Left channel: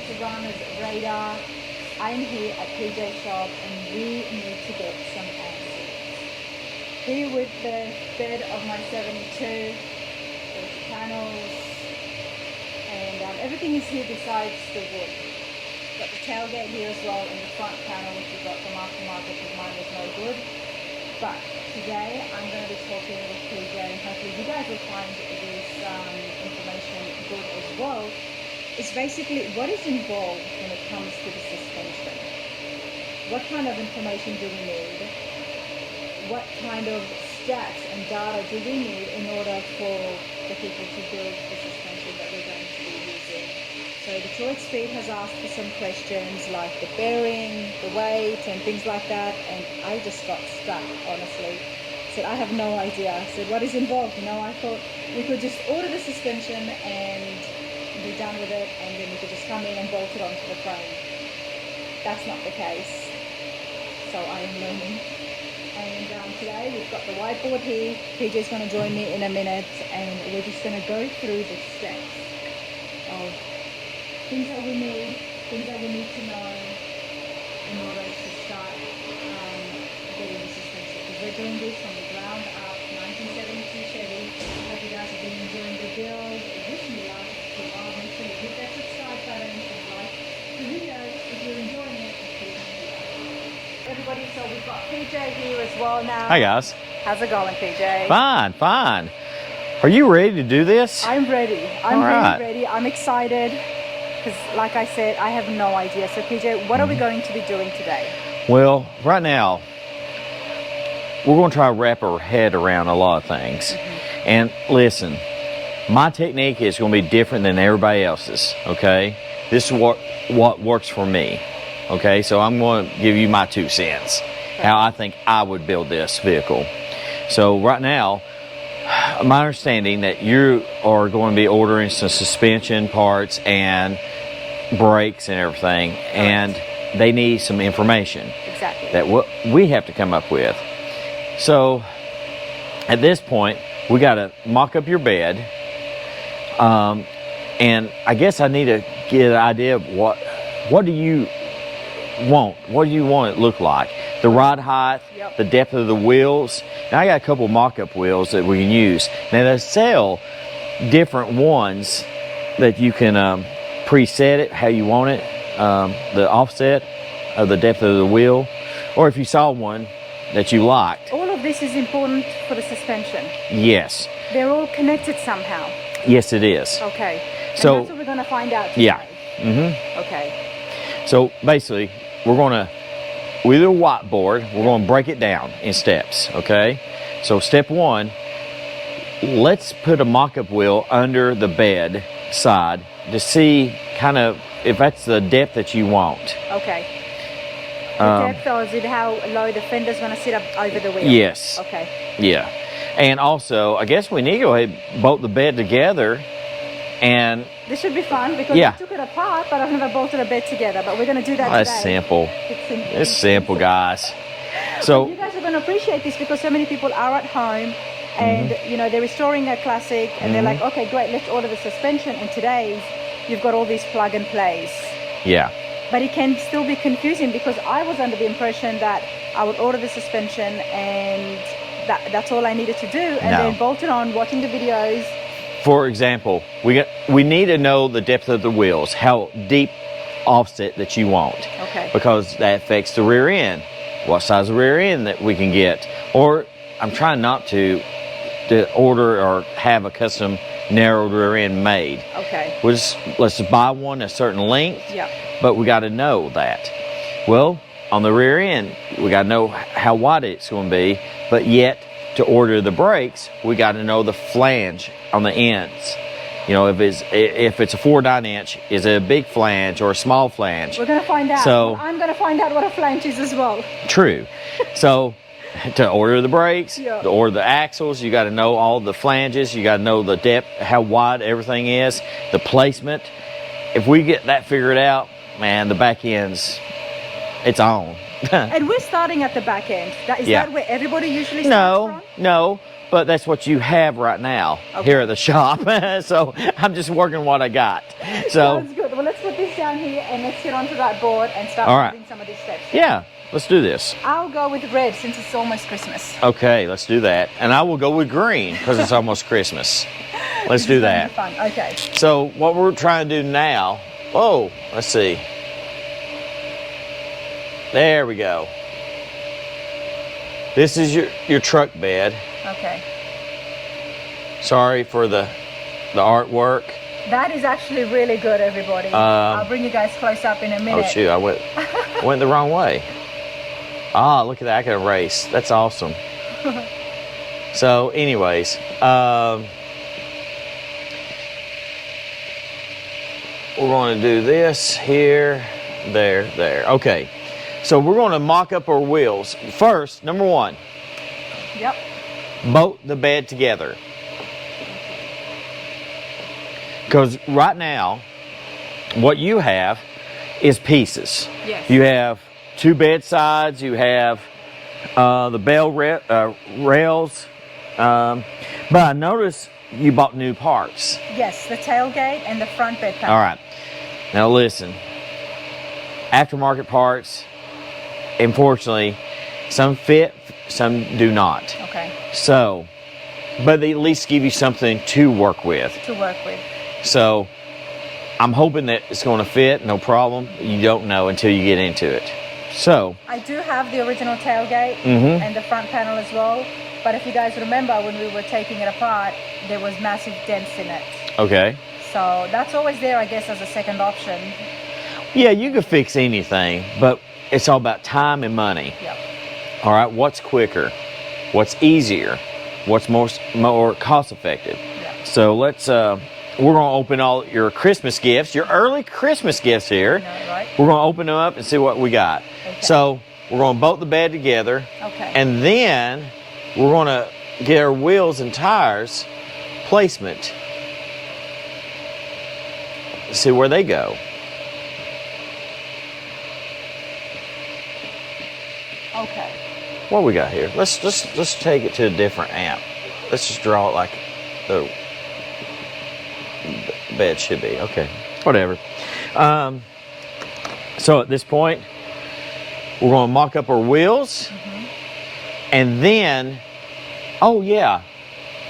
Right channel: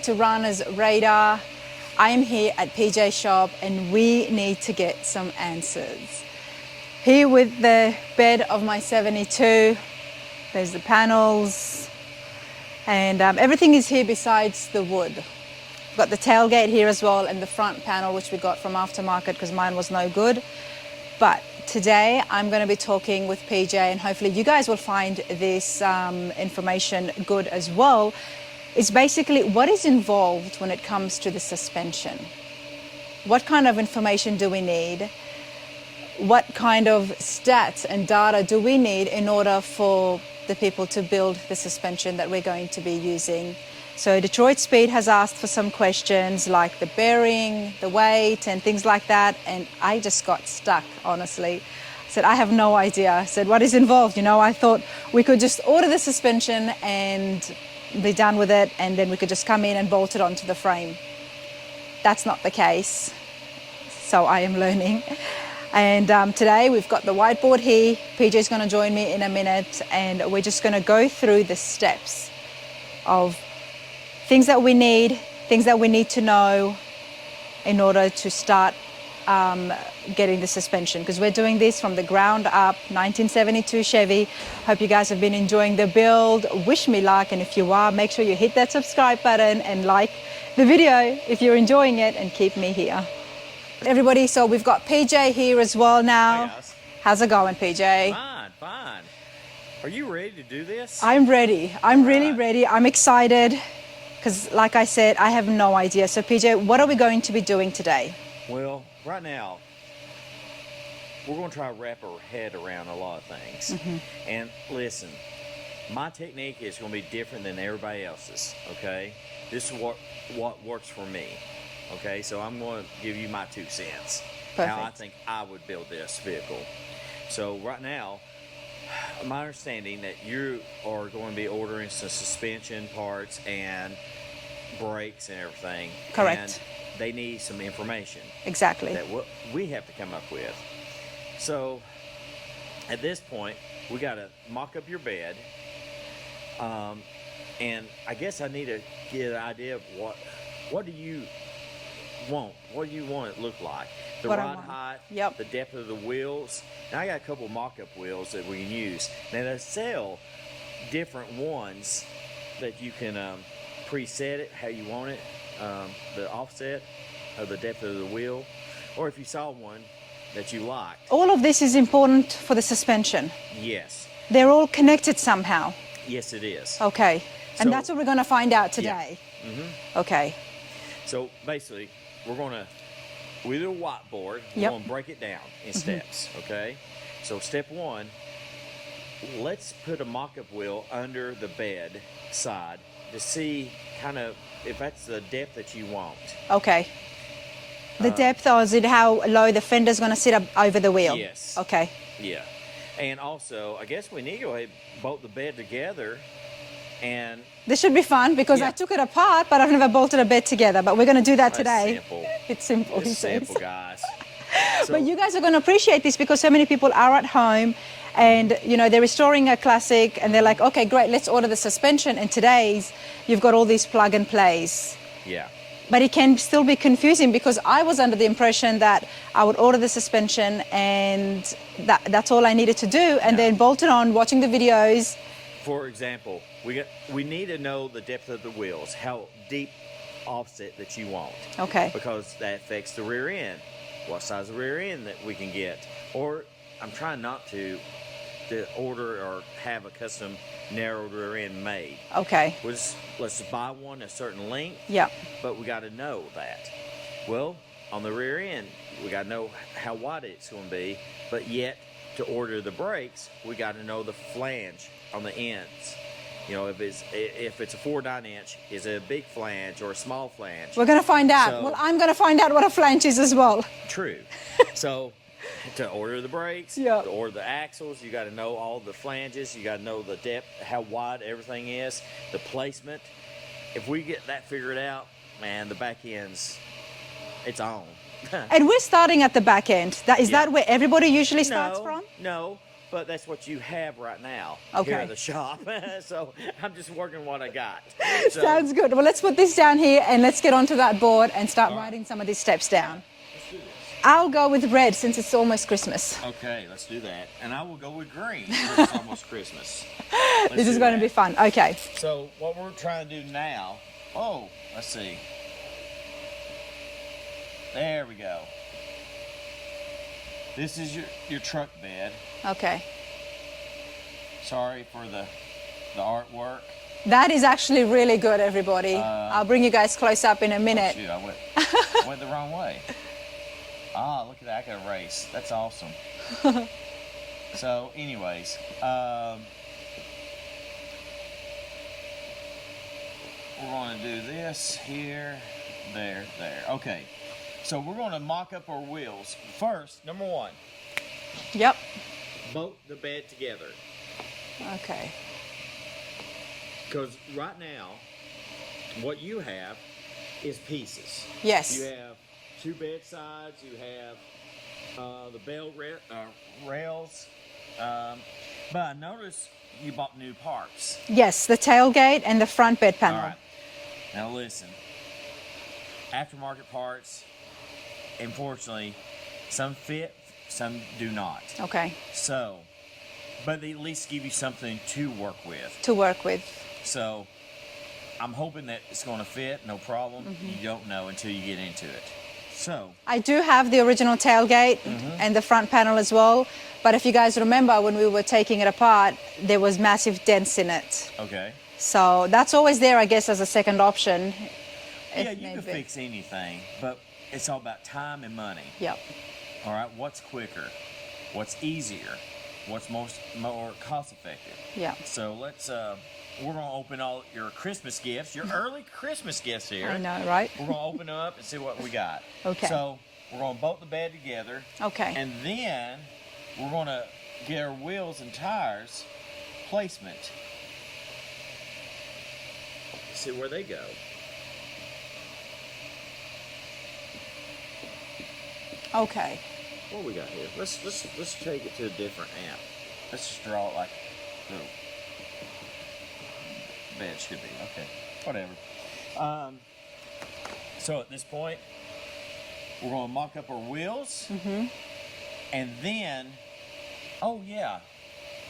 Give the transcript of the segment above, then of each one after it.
going to runners' radar. I am here at PJ shop and we need to get some answers. Here with the bed of my 72, there's the panels, and everything is here besides the wood. Got the tailgate here as well and the front panel, which we got from aftermarket because mine was no good. But today I'm going to be talking with PJ, and hopefully you guys will find this information good as well. It's basically what is involved when it comes to the suspension. What kind of information do we need? What kind of stats and data do we need in order for the people to build the suspension that we're going to be using? So Detroit Speed has asked for some questions like the bearing, the weight, and things like that. And I just got stuck, honestly. I said, I have no idea. I said, what is involved? You know, I thought we could just order the suspension and be done with it, and then we could just come in and bolt it onto the frame. That's not the case. So I am learning. And today we've got the whiteboard here. PJ's going to join me in a minute, and we're just going to go through the steps of things that we need to know in order to start getting the suspension, because we're doing this from the ground up, 1972 Chevy. Hope you guys have been enjoying the build. Wish me luck, and if you are, make sure you hit that subscribe button and like the video if you're enjoying it, and keep me here. Everybody, so we've got PJ here as well now. Hi guys. How's it going, PJ? Fine, fine. Are you ready to do this? I'm ready. I'm right. ready. I'm excited. Because like I said, I have no idea. So PJ, what are we going to be doing today? Well, right now, we're going to try to wrap our head around a lot of things. And listen, my technique is going to be different than everybody else's, okay? This is what works for me, okay? So I'm going to give you my 2 cents, how I think I would build this vehicle. So right now, my understanding that you are going to be ordering some suspension parts and brakes and everything. Correct. And they need some information. Exactly. That what we have to come up with. So at this point, we got to mock up your bed. And I guess I need to get an idea of what do you want? What do you want it to look like? The rod height, Yep. the depth of the wheels. Now I got a couple mock-up wheels that we can use. Now they sell different ones that you can preset it how you want it, the offset of the depth of the wheel, or if you saw one that you liked. All of this is important for the suspension. Yes. They're all connected somehow. Yes, it is. Okay. And So that's what we're going to find out today. Yeah. Okay. So basically, we're going to, with a whiteboard, we're Yep. going to break it down in steps, okay? So step 1, let's put a mock-up wheel under the bed side to see kind of if that's the depth that you want. Okay. The depth, or is it how low the fender's going to sit up over the wheel? Yes. Okay. Yeah. And also, I guess we need to go ahead and bolt the bed together. And This should be fun because Yeah. I took it apart, but I've never bolted a bed together. But we're going to do that today. that's simple. It's simple. It's simple, guys. But So you guys are going to appreciate this because so many people are at home and you know they're restoring a classic and they're like, okay, great, let's order the suspension. And today's you've got all these plug and plays. yeah. But it can still be confusing because I was under the impression that I would order the suspension and that's all I needed to do, and No. then bolt it on, watching the videos. For example, we need to know the depth of the wheels, how deep offset that you want. Okay. Because that affects the rear end, what size of rear end that we can get. Or I'm trying not to order or have a custom narrowed rear end made. Okay. Let's just buy one a certain length, Yeah. but we got to know that. Well, on the rear end, we got to know how wide it's going to be, but yet to order the brakes, we got to know the flange on the ends. You know, if it's a 4/9 inch, is it a big flange or a small flange? We're going to find out. So- Well, I'm going to find out what a flange is as well. True. So to order the brakes, Yeah. to order the axles, you got to know all the flanges, you got to know the depth, how wide everything is, the placement. If we get that figured out, man, the back end's, it's on. And we're starting at the back end. Is Yeah. that where everybody usually starts from? No. but that's what you have right now here at the shop. So I'm just working what I got. So that's good. Well, let's put this down here and let's get onto that board and start writing some of these steps down. Yeah, let's do this. I'll go with red since it's almost Christmas. Okay, let's do that. And I will go with green because it's almost Christmas. Let's do that. This is going to be fun. Okay. So what we're trying to do now, let's see. There we go. This is your truck bed. Okay. Sorry for the artwork. That is actually really good, everybody. I'll bring you guys close up in a minute. Oh shoot, I went the wrong way. Ah, look at that, I can erase. That's awesome. So anyways, we're going to do this here, there. Okay, so we're going to mock up our wheels. First, number one. Yep. Bolt the bed together. Okay. Because right now, what you have is pieces. Yes. You have two bed sides, you have the bell rails, but I noticed you bought new parts. Yes, the tailgate and the front bed panel. All right. Now listen, aftermarket parts, unfortunately, some fit, some do not. Okay. So, but they at least give you something to work with. So, I'm hoping that it's going to fit, no problem. You don't know until you get into it. So, I do have the original tailgate and the front panel as well. But if you guys remember when we were taking it apart, there was massive dents in it. okay. So that's always there, I guess, as a second option. Yeah, you can fix anything, but it's all about time and money. Yeah. All right, what's quicker? What's easier? What's more cost effective? Yeah. So let's, we're going to open all your Christmas gifts, your early Christmas gifts here. I know, right? We're going to open them up and see what we got. Okay. So we're going to bolt the bed together. Okay. And then we're going to get our wheels and tires placement. See where they go. Okay. What we got here? Let's take it to a different amp. Let's just draw it like the bed should be. Okay, whatever. So at this point, we're going to mock up our wheels, and then, oh yeah,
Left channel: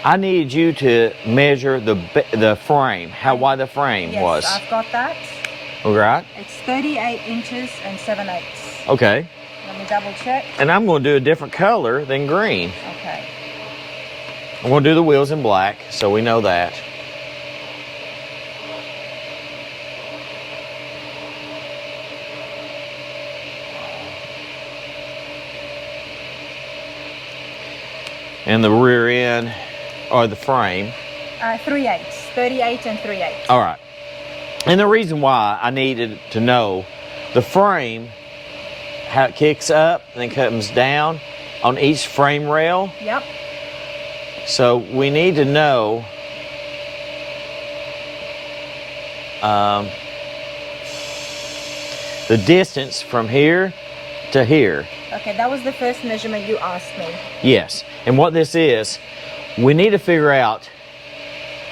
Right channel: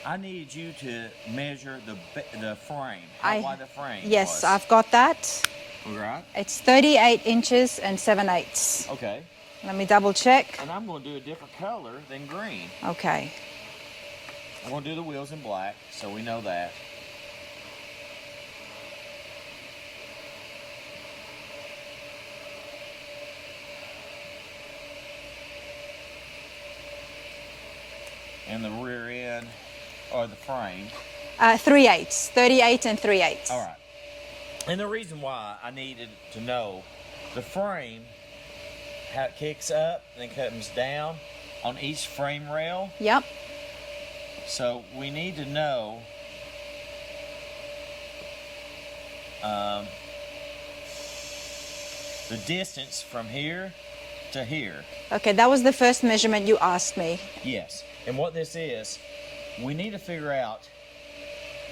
I need you to measure the frame, how wide the frame was. Yes, I've got that. All right. It's 38 inches and 7/8. Okay. Let me double check. And I'm going to do a different color than green. Okay. I'm going to do the wheels in black, so we know that. And the rear end, or the frame. 3/8, 38 and 3/8. All right. And the reason why I needed to know the frame, how it kicks up and then comes down on each frame rail. Yep. So we need to know the distance from here to here. Okay, that was the first measurement you asked me. Yes. And what this is, we need to figure out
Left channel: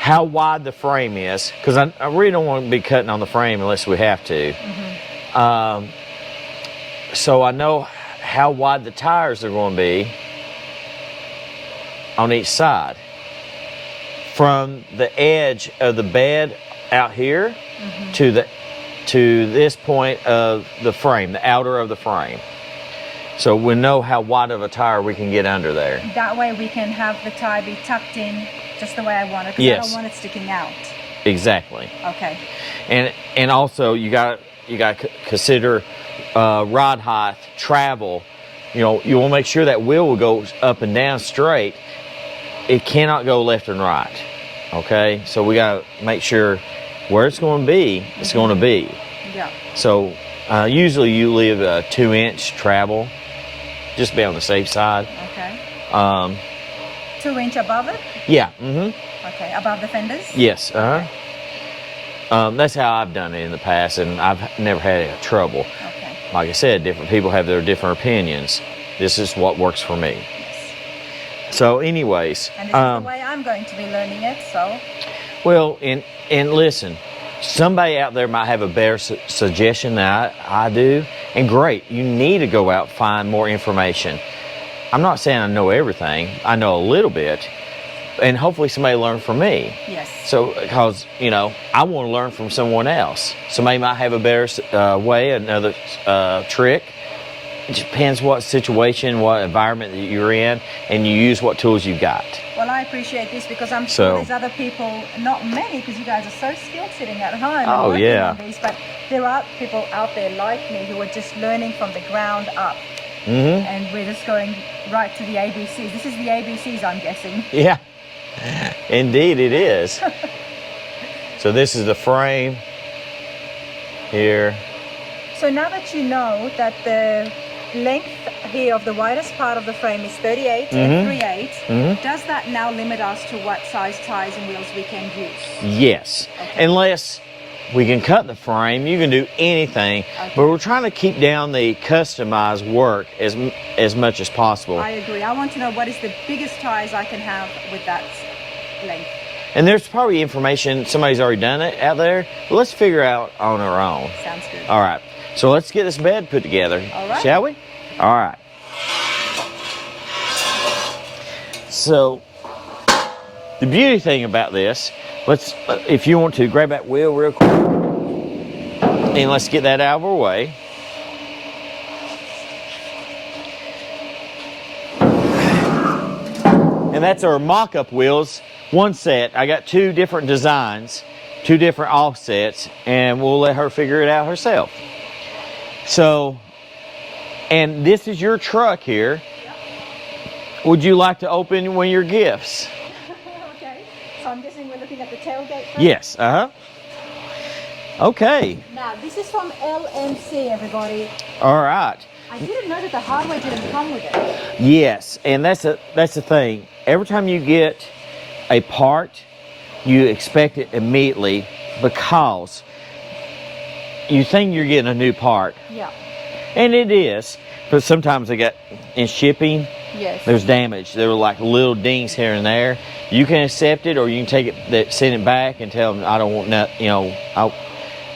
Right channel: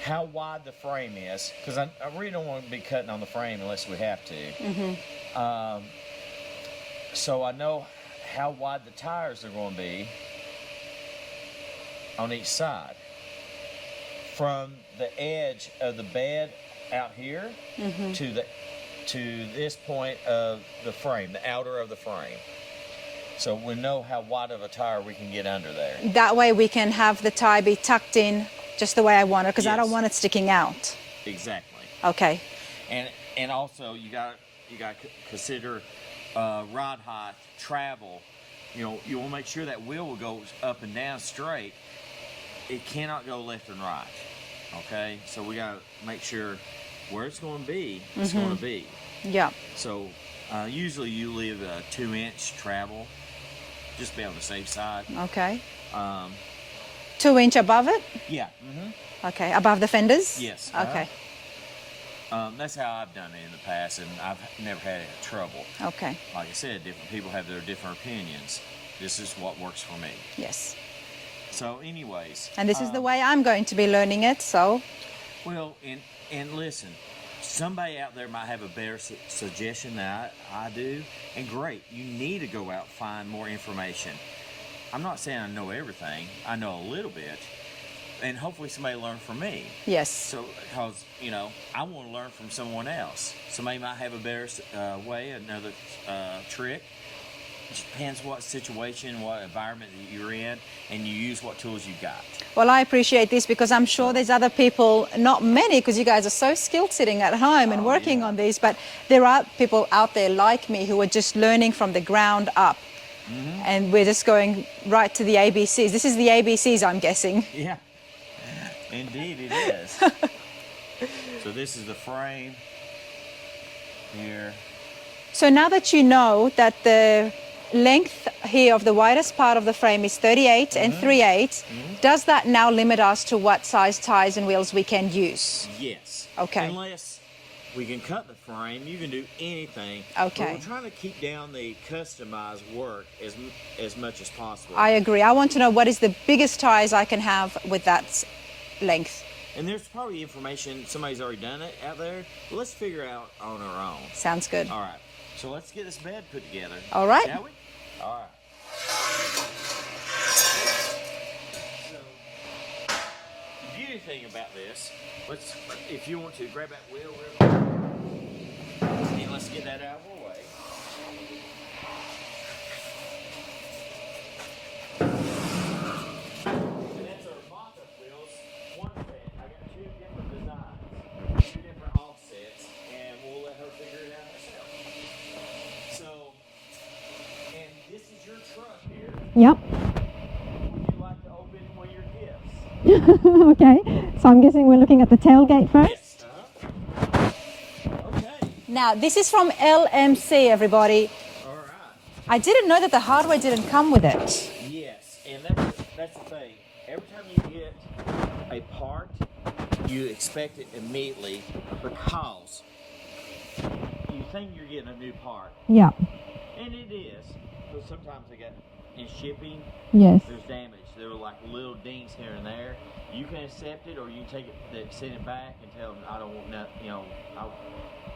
how wide the frame is, because I really don't want to be cutting on the frame unless we have to. So I know how wide the tires are going to be on each side. From the edge of the bed out here to this point of the frame, the outer of the frame. So we know how wide of a tire we can get under there. That way we can have the tire be tucked in just the way I want it, because I don't want it sticking out. Exactly. Okay. And also you got to consider rod height, travel. You know, you want to make sure that wheel will go up and down straight. It cannot go left and right. Okay, so we got to make sure where it's going to be, it's going to be. Yeah. So usually you leave a 2-inch travel, just be on the safe side. Okay. 2-inch above it? Yeah. Okay, above the fenders? Yes. Okay. That's how I've done it in the past, and I've never had any trouble. Okay. Like I said, different people have their different opinions. This is what works for me. Yes. So anyways. And this is the way I'm going to be learning it, so. Well, and listen, somebody out there might have a better suggestion than I do, and great, you need to go out and find more information. I'm not saying I know everything, I know a little bit, and hopefully somebody learn from me. Yes. So, because, you know, I want to learn from someone else. Somebody might have a better way, another trick. It depends what situation, what environment that you're in, and you use what tools you got. Well, I appreciate this because I'm sure there's other people, not many, because you guys are so skilled sitting at home and working on these, but there are people out there like me who are just learning from the ground up. And we're just going right to the ABCs. This is the ABCs, I'm guessing. Yeah, indeed it is. So this is the frame here. So now that you know that the length here of the widest part of the frame is 38 and 3/8, does that now limit us to what size tires and wheels we can use? Yes. Okay. Unless we can cut the frame, you can do anything, but we're trying to keep down the customized work as much as possible. I agree. I want to know what is the biggest tires I can have with that length. And there's probably information, somebody's already done it out there, but let's figure out on our own. Sounds good. All right, so let's get this bed put together. All right. Shall we? All right. So, the beauty thing about this, let's, if you want to, grab that wheel real quick. And let's get that out of our way. And that's our mock-up wheels. One set. I got two different designs, two different offsets, and we'll let her figure it out herself. So, and this is your truck here. Yep. Would you like to open one of your gifts? Okay. So I'm guessing we're looking at the tailgate first? Yes. Okay. Now, this is from LMC, everybody. All right. I didn't know that the hardware didn't come with it. Yes, and that's the thing. Every time you get a part, you expect it immediately because you think you're getting a new part. Yeah. And it is, but sometimes they get in shipping. Yes. There's damage. There were like little dings here and there. You can accept it, or you can take it, send it back, and tell them I don't want that. You know,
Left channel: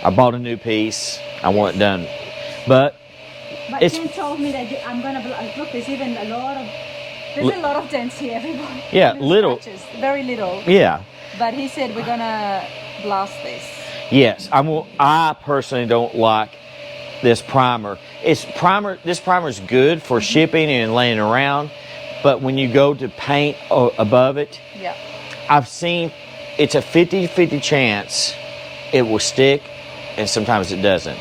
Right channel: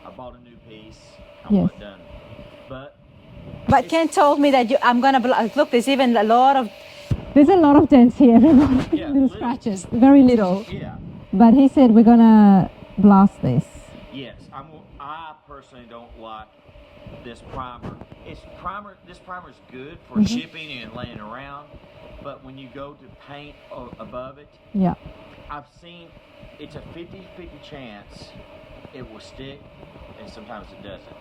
I bought a new piece. I want it done. But Ken told me that I'm gonna look. There's even a lot of. There's a lot of dents here. Yeah, little. Scratches. Very little. Yeah. But he said we're gonna blast this. Yes, I personally don't like this primer. This primer is good for shipping and laying around, but when you go to paint above it, yeah, I've seen it's a 50-50 chance it will stick, and sometimes it doesn't.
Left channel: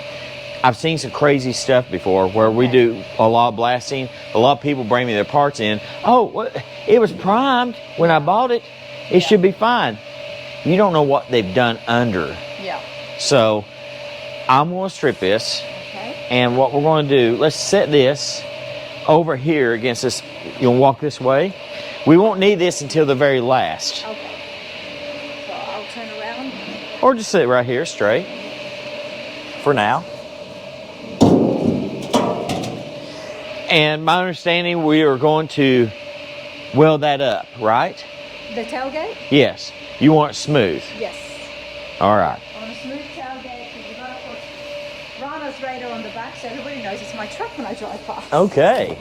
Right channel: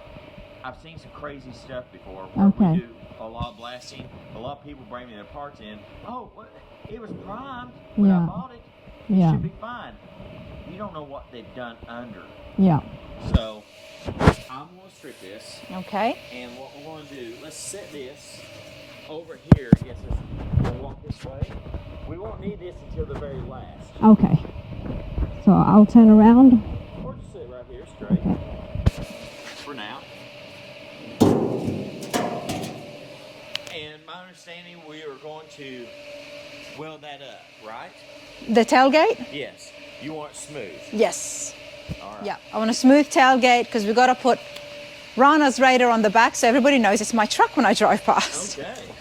I've seen some crazy stuff before where we do a lot of blasting. A lot of people bring me their parts in. Oh, it was primed when I bought it. It should be fine. You don't know what they've done under. Yeah. So I'm going to strip this. Okay. And what we're going to do, let's set this over here against this. You'll walk this way. We won't need this until the very last. Okay. So I'll turn around. Or just sit right here straight for now. And my understanding, we are going to weld that up, right? The tailgate? Yes. You want it smooth? Yes. All right. Yeah. I want a smooth tailgate because we've got to put Rana's radar on the back so everybody knows it's my truck when I drive past. Okay.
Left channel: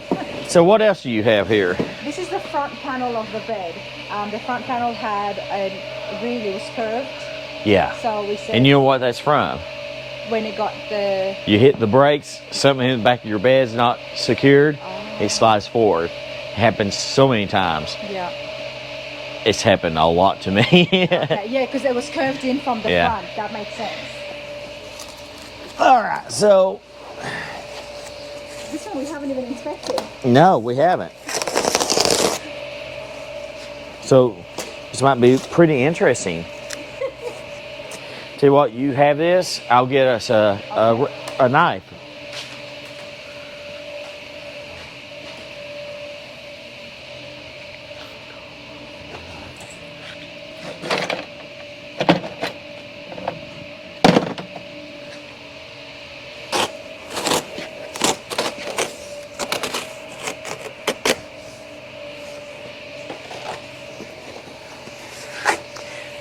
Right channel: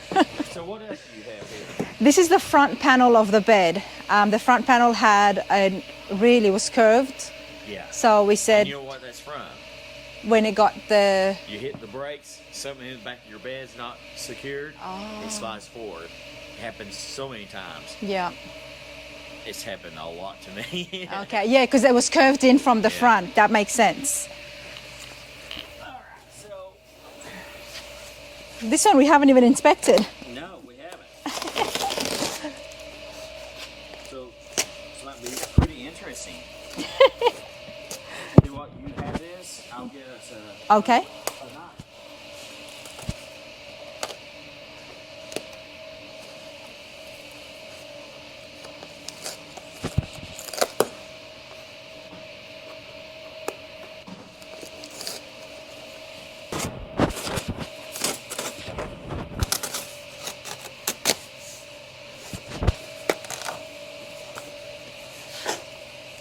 So what else do you have here? This is the front panel of the bed. The front panel was curved. Yeah. So we said. And you know what that's from? When it got the. You hit the brakes, something in the back of your bed's not secured, it slides forward. It happens so many times. Yeah. It's happened a lot to me. Okay, yeah, because it was curved in from the front. That makes sense. All right, so. This one we haven't even inspected. No, we haven't. So this might be pretty interesting. Tell you what, you have this, I'll get us a knife.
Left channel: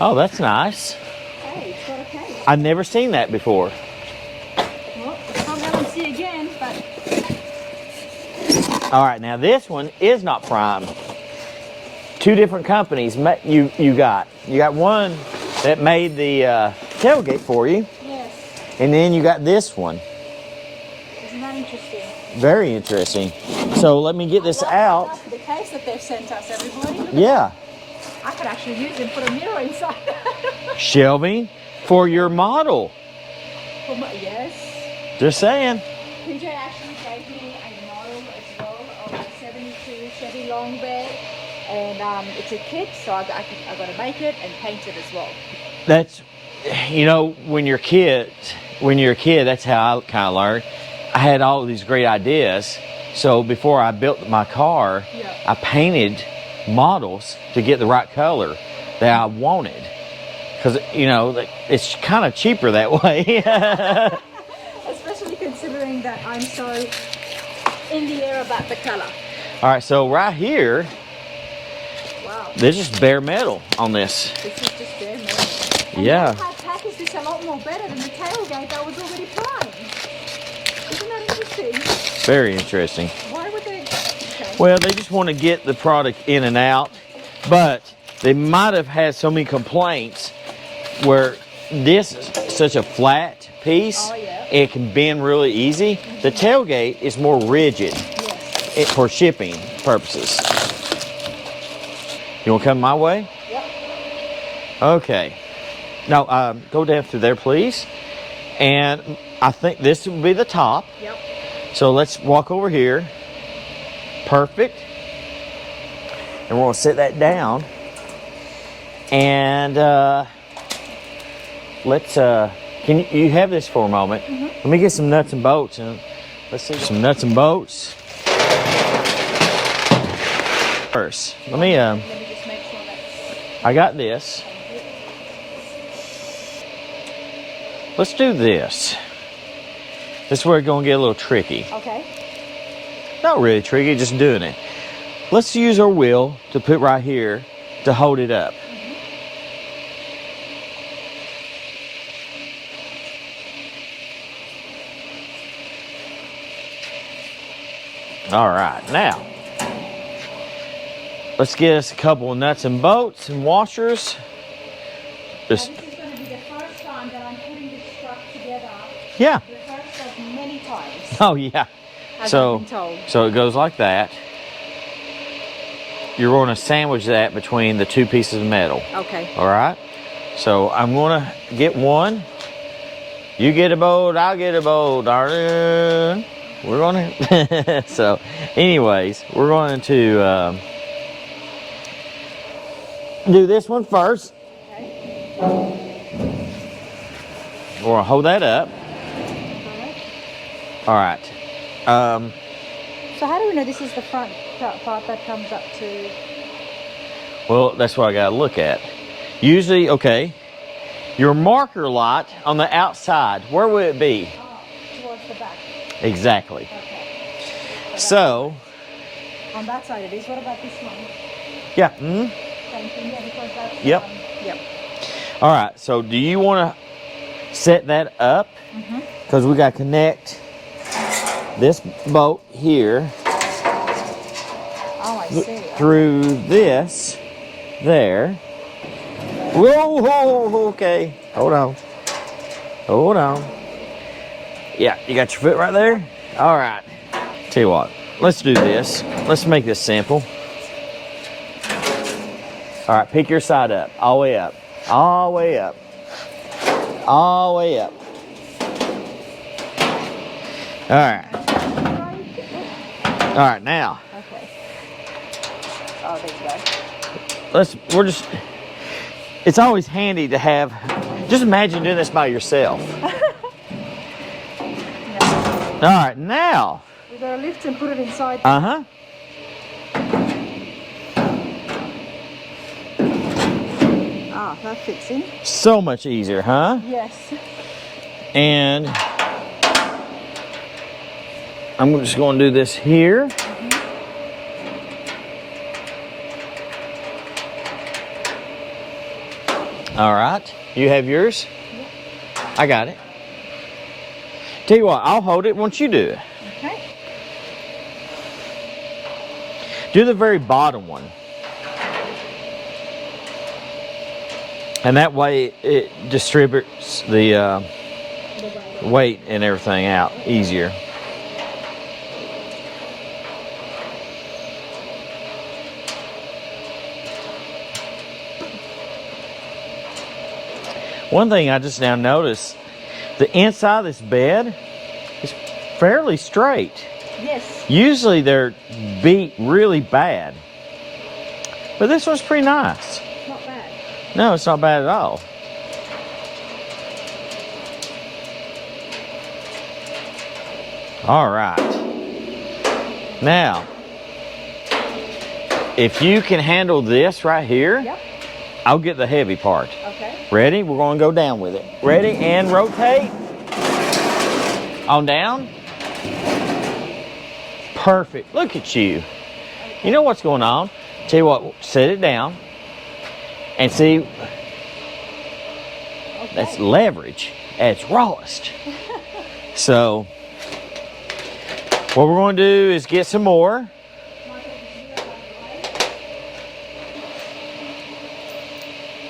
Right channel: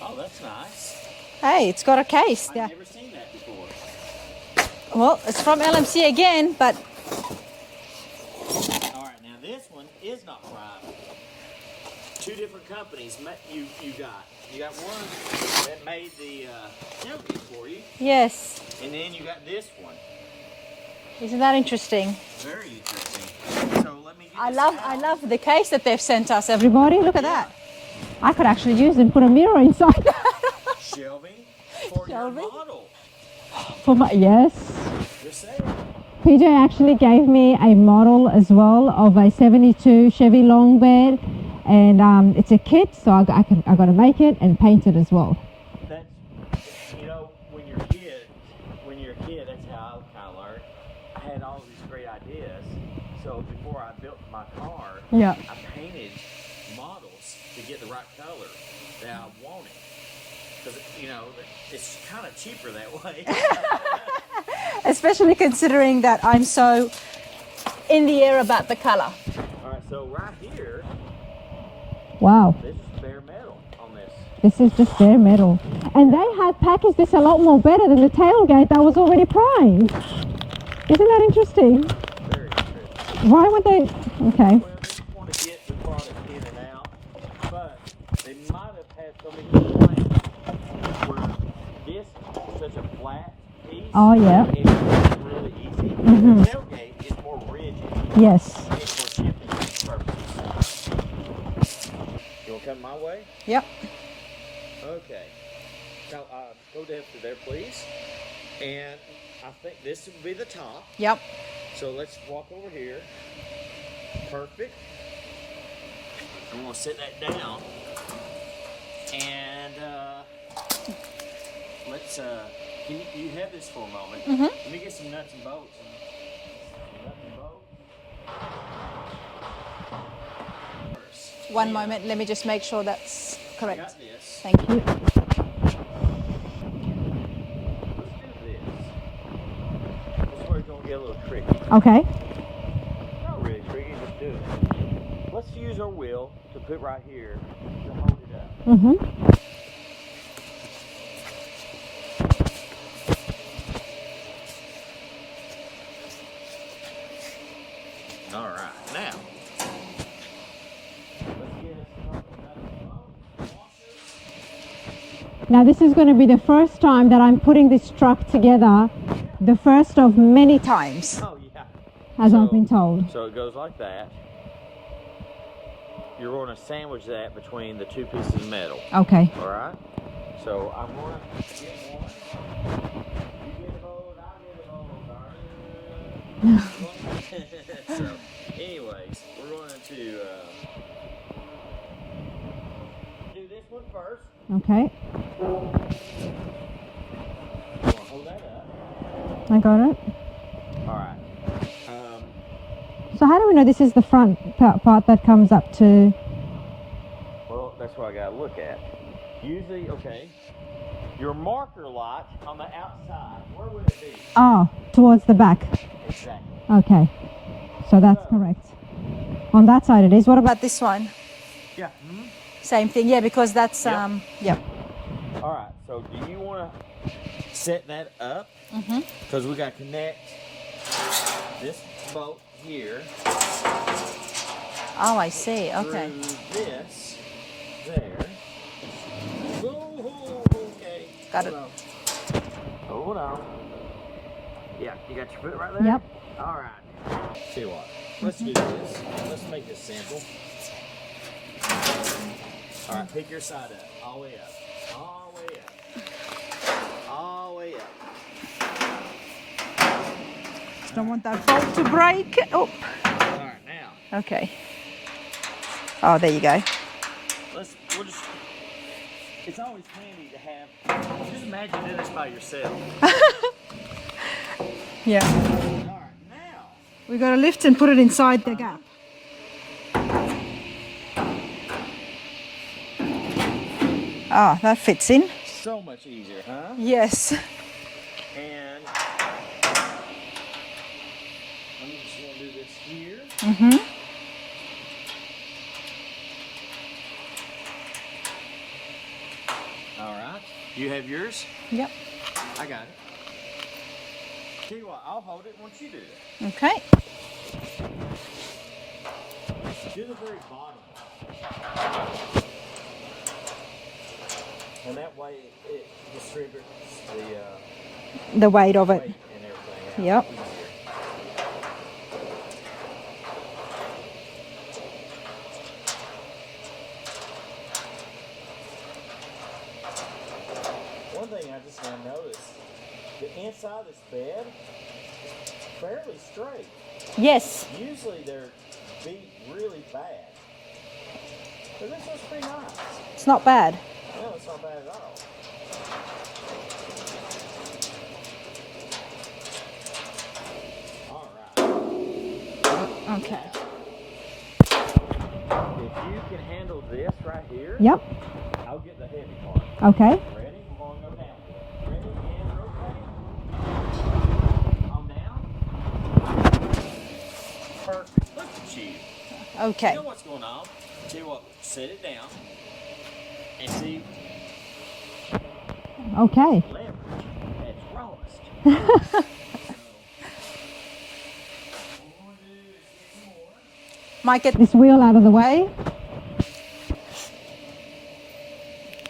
Oh, that's nice. Hey, it's got a case. I've yeah. never seen that before. Well, it's from LMC again, but All right, now this one is not prime. Two different companies you got. You got one that made the tailgate for you, yes. and then you got this one. Isn't that interesting? Very interesting. So let me get this out. I love the case that they've sent us, everybody. Look at Yeah, that. I could actually use it and put a mirror inside. Shelby, for your model. Yes. Just saying. PJ actually gave me a model as well of a 72 Chevy long bed, and it's a kit, so I got to make it and paint it as well. That's, you know, when you're a kid, that's how I kind of learned. I had all of these great ideas. So before I built my car, Yeah. I painted models to get the right color that I wanted. Because, you know, it's kind of cheaper that way. Especially considering that I'm so in the air about the color. All right, so right here, Wow. there's just bare metal on this. This is just bare metal. And Yeah. they have packaged this a lot more better than the tailgate that was already primed. Isn't that interesting? Very interesting. Why would they? Okay. Well, they just want to get the product in and out, but they might have had so many complaints where this is such a flat piece. Oh, yeah. It can bend really easy. The tailgate is more rigid Yes. for shipping purposes. You want to come my way? Yep. Okay. Now, go down through there, please. And I think this will be the top. Yep. So let's walk over here. Perfect. And we're going to set that down. And let's, can you have this for a moment? Let me get some nuts and bolts. And let's see some nuts and bolts. First, One moment, let me just make sure that's correct. I got this. Thank you. Let's do this. This is where it's going to get a little tricky. Okay. Not really tricky, just doing it. Let's use our wheel to put right here to hold it up. All right, now let's get us a couple of nuts and bolts and washers. Now this is going to be the first time that I'm putting this truck together. Yeah. The first of many Times. Oh yeah. as I've been told. So it goes like that. You're going to sandwich that between the two pieces of metal. Okay. All right. So I'm going to get one. You get a bolt, I'll get a bolt, darling. We're going to. So, anyways, we're going to do this one first. Okay. We're going to hold that up. I got it. All right. So how do we know this is the front part that comes up to? Well, that's what I got to look at. Usually, okay, your marker light on the outside, where would it be? Oh, towards the back. Exactly. Okay. That's So, correct. On that side it is. What about? About this one, yeah. same thing. Yeah, because that's Yep. yep. All right. So, do you want to set that up? Because we got to connect this bolt here Oh, I see. Okay. through this there. Whoa, whoa, okay. Hold on. Hold on. Yeah, you got your foot right there? All right. Tell you what, let's do this. Let's make this simple. All right, pick your side up. All the way up. All the way up. All the way up. All right. Got to break. Oh, All right, now, okay. Oh, there you go. it's always handy to have, just imagine doing this by yourself. Yeah. All right, now. We got to lift and put it inside. The Uh-huh. Ah, that fits in. So much easier, huh? Yes. And I'm just going to do this here. All right. You have yours? Yep. I got it. Tell you what, I'll hold it once you do it. Okay. Do the very bottom one. And that way it distributes the weight of weight and everything out easier. One thing I just now noticed, the inside of this bed is fairly straight. Yes. Usually they're beat really bad, but this one's pretty nice. It's not bad. No, it's not bad at all. All right. Okay. Now, if you can handle this right here, Yep. I'll get the heavy part. Okay. Ready? We're going to go down with it. Ready? And rotate. On down. Perfect. Look at you. Okay. You know what's going on? Tell you what, set it down and see. Okay. That's leverage at its rawest. So, what we're going to do is get some more. Might get This wheel out of the way.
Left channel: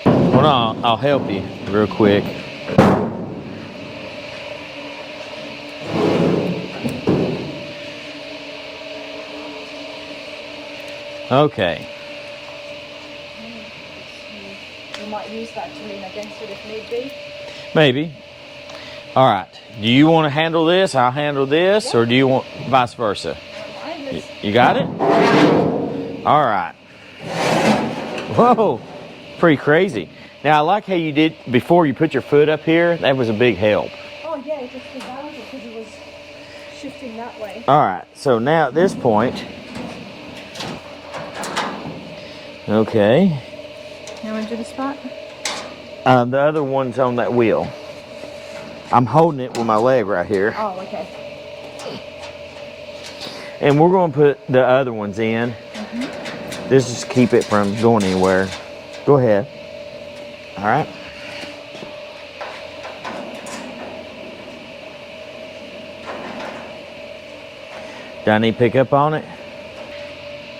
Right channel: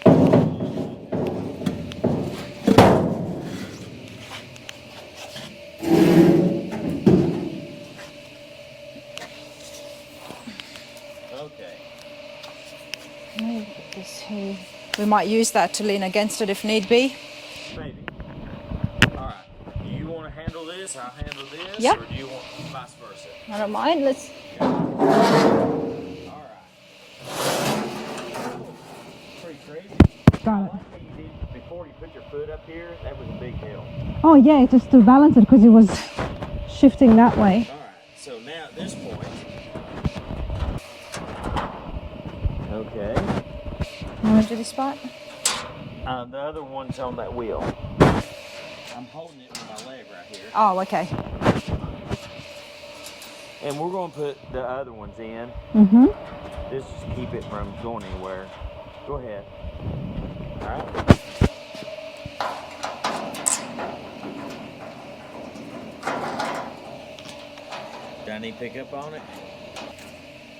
Hold on, I'll help you real quick. Okay. We might use that to lean against it if need be. Maybe. All right. Do you want to handle this? I'll handle this, Yep. or do you want vice versa? I don't mind. Let's. You got it? All right. Whoa, pretty crazy. Now, I like how you did before you put your foot up here. That was a big help. Oh yeah, just to balance it because it was shifting that way. All right. So now at this point, okay. You want to do the spot? The other one's on that wheel. I'm holding it with my leg right here. Oh, okay. And we're going to put the other ones in. Mm-hmm. This is to keep it from going anywhere. Go ahead. All right. Do I need to pick up on it?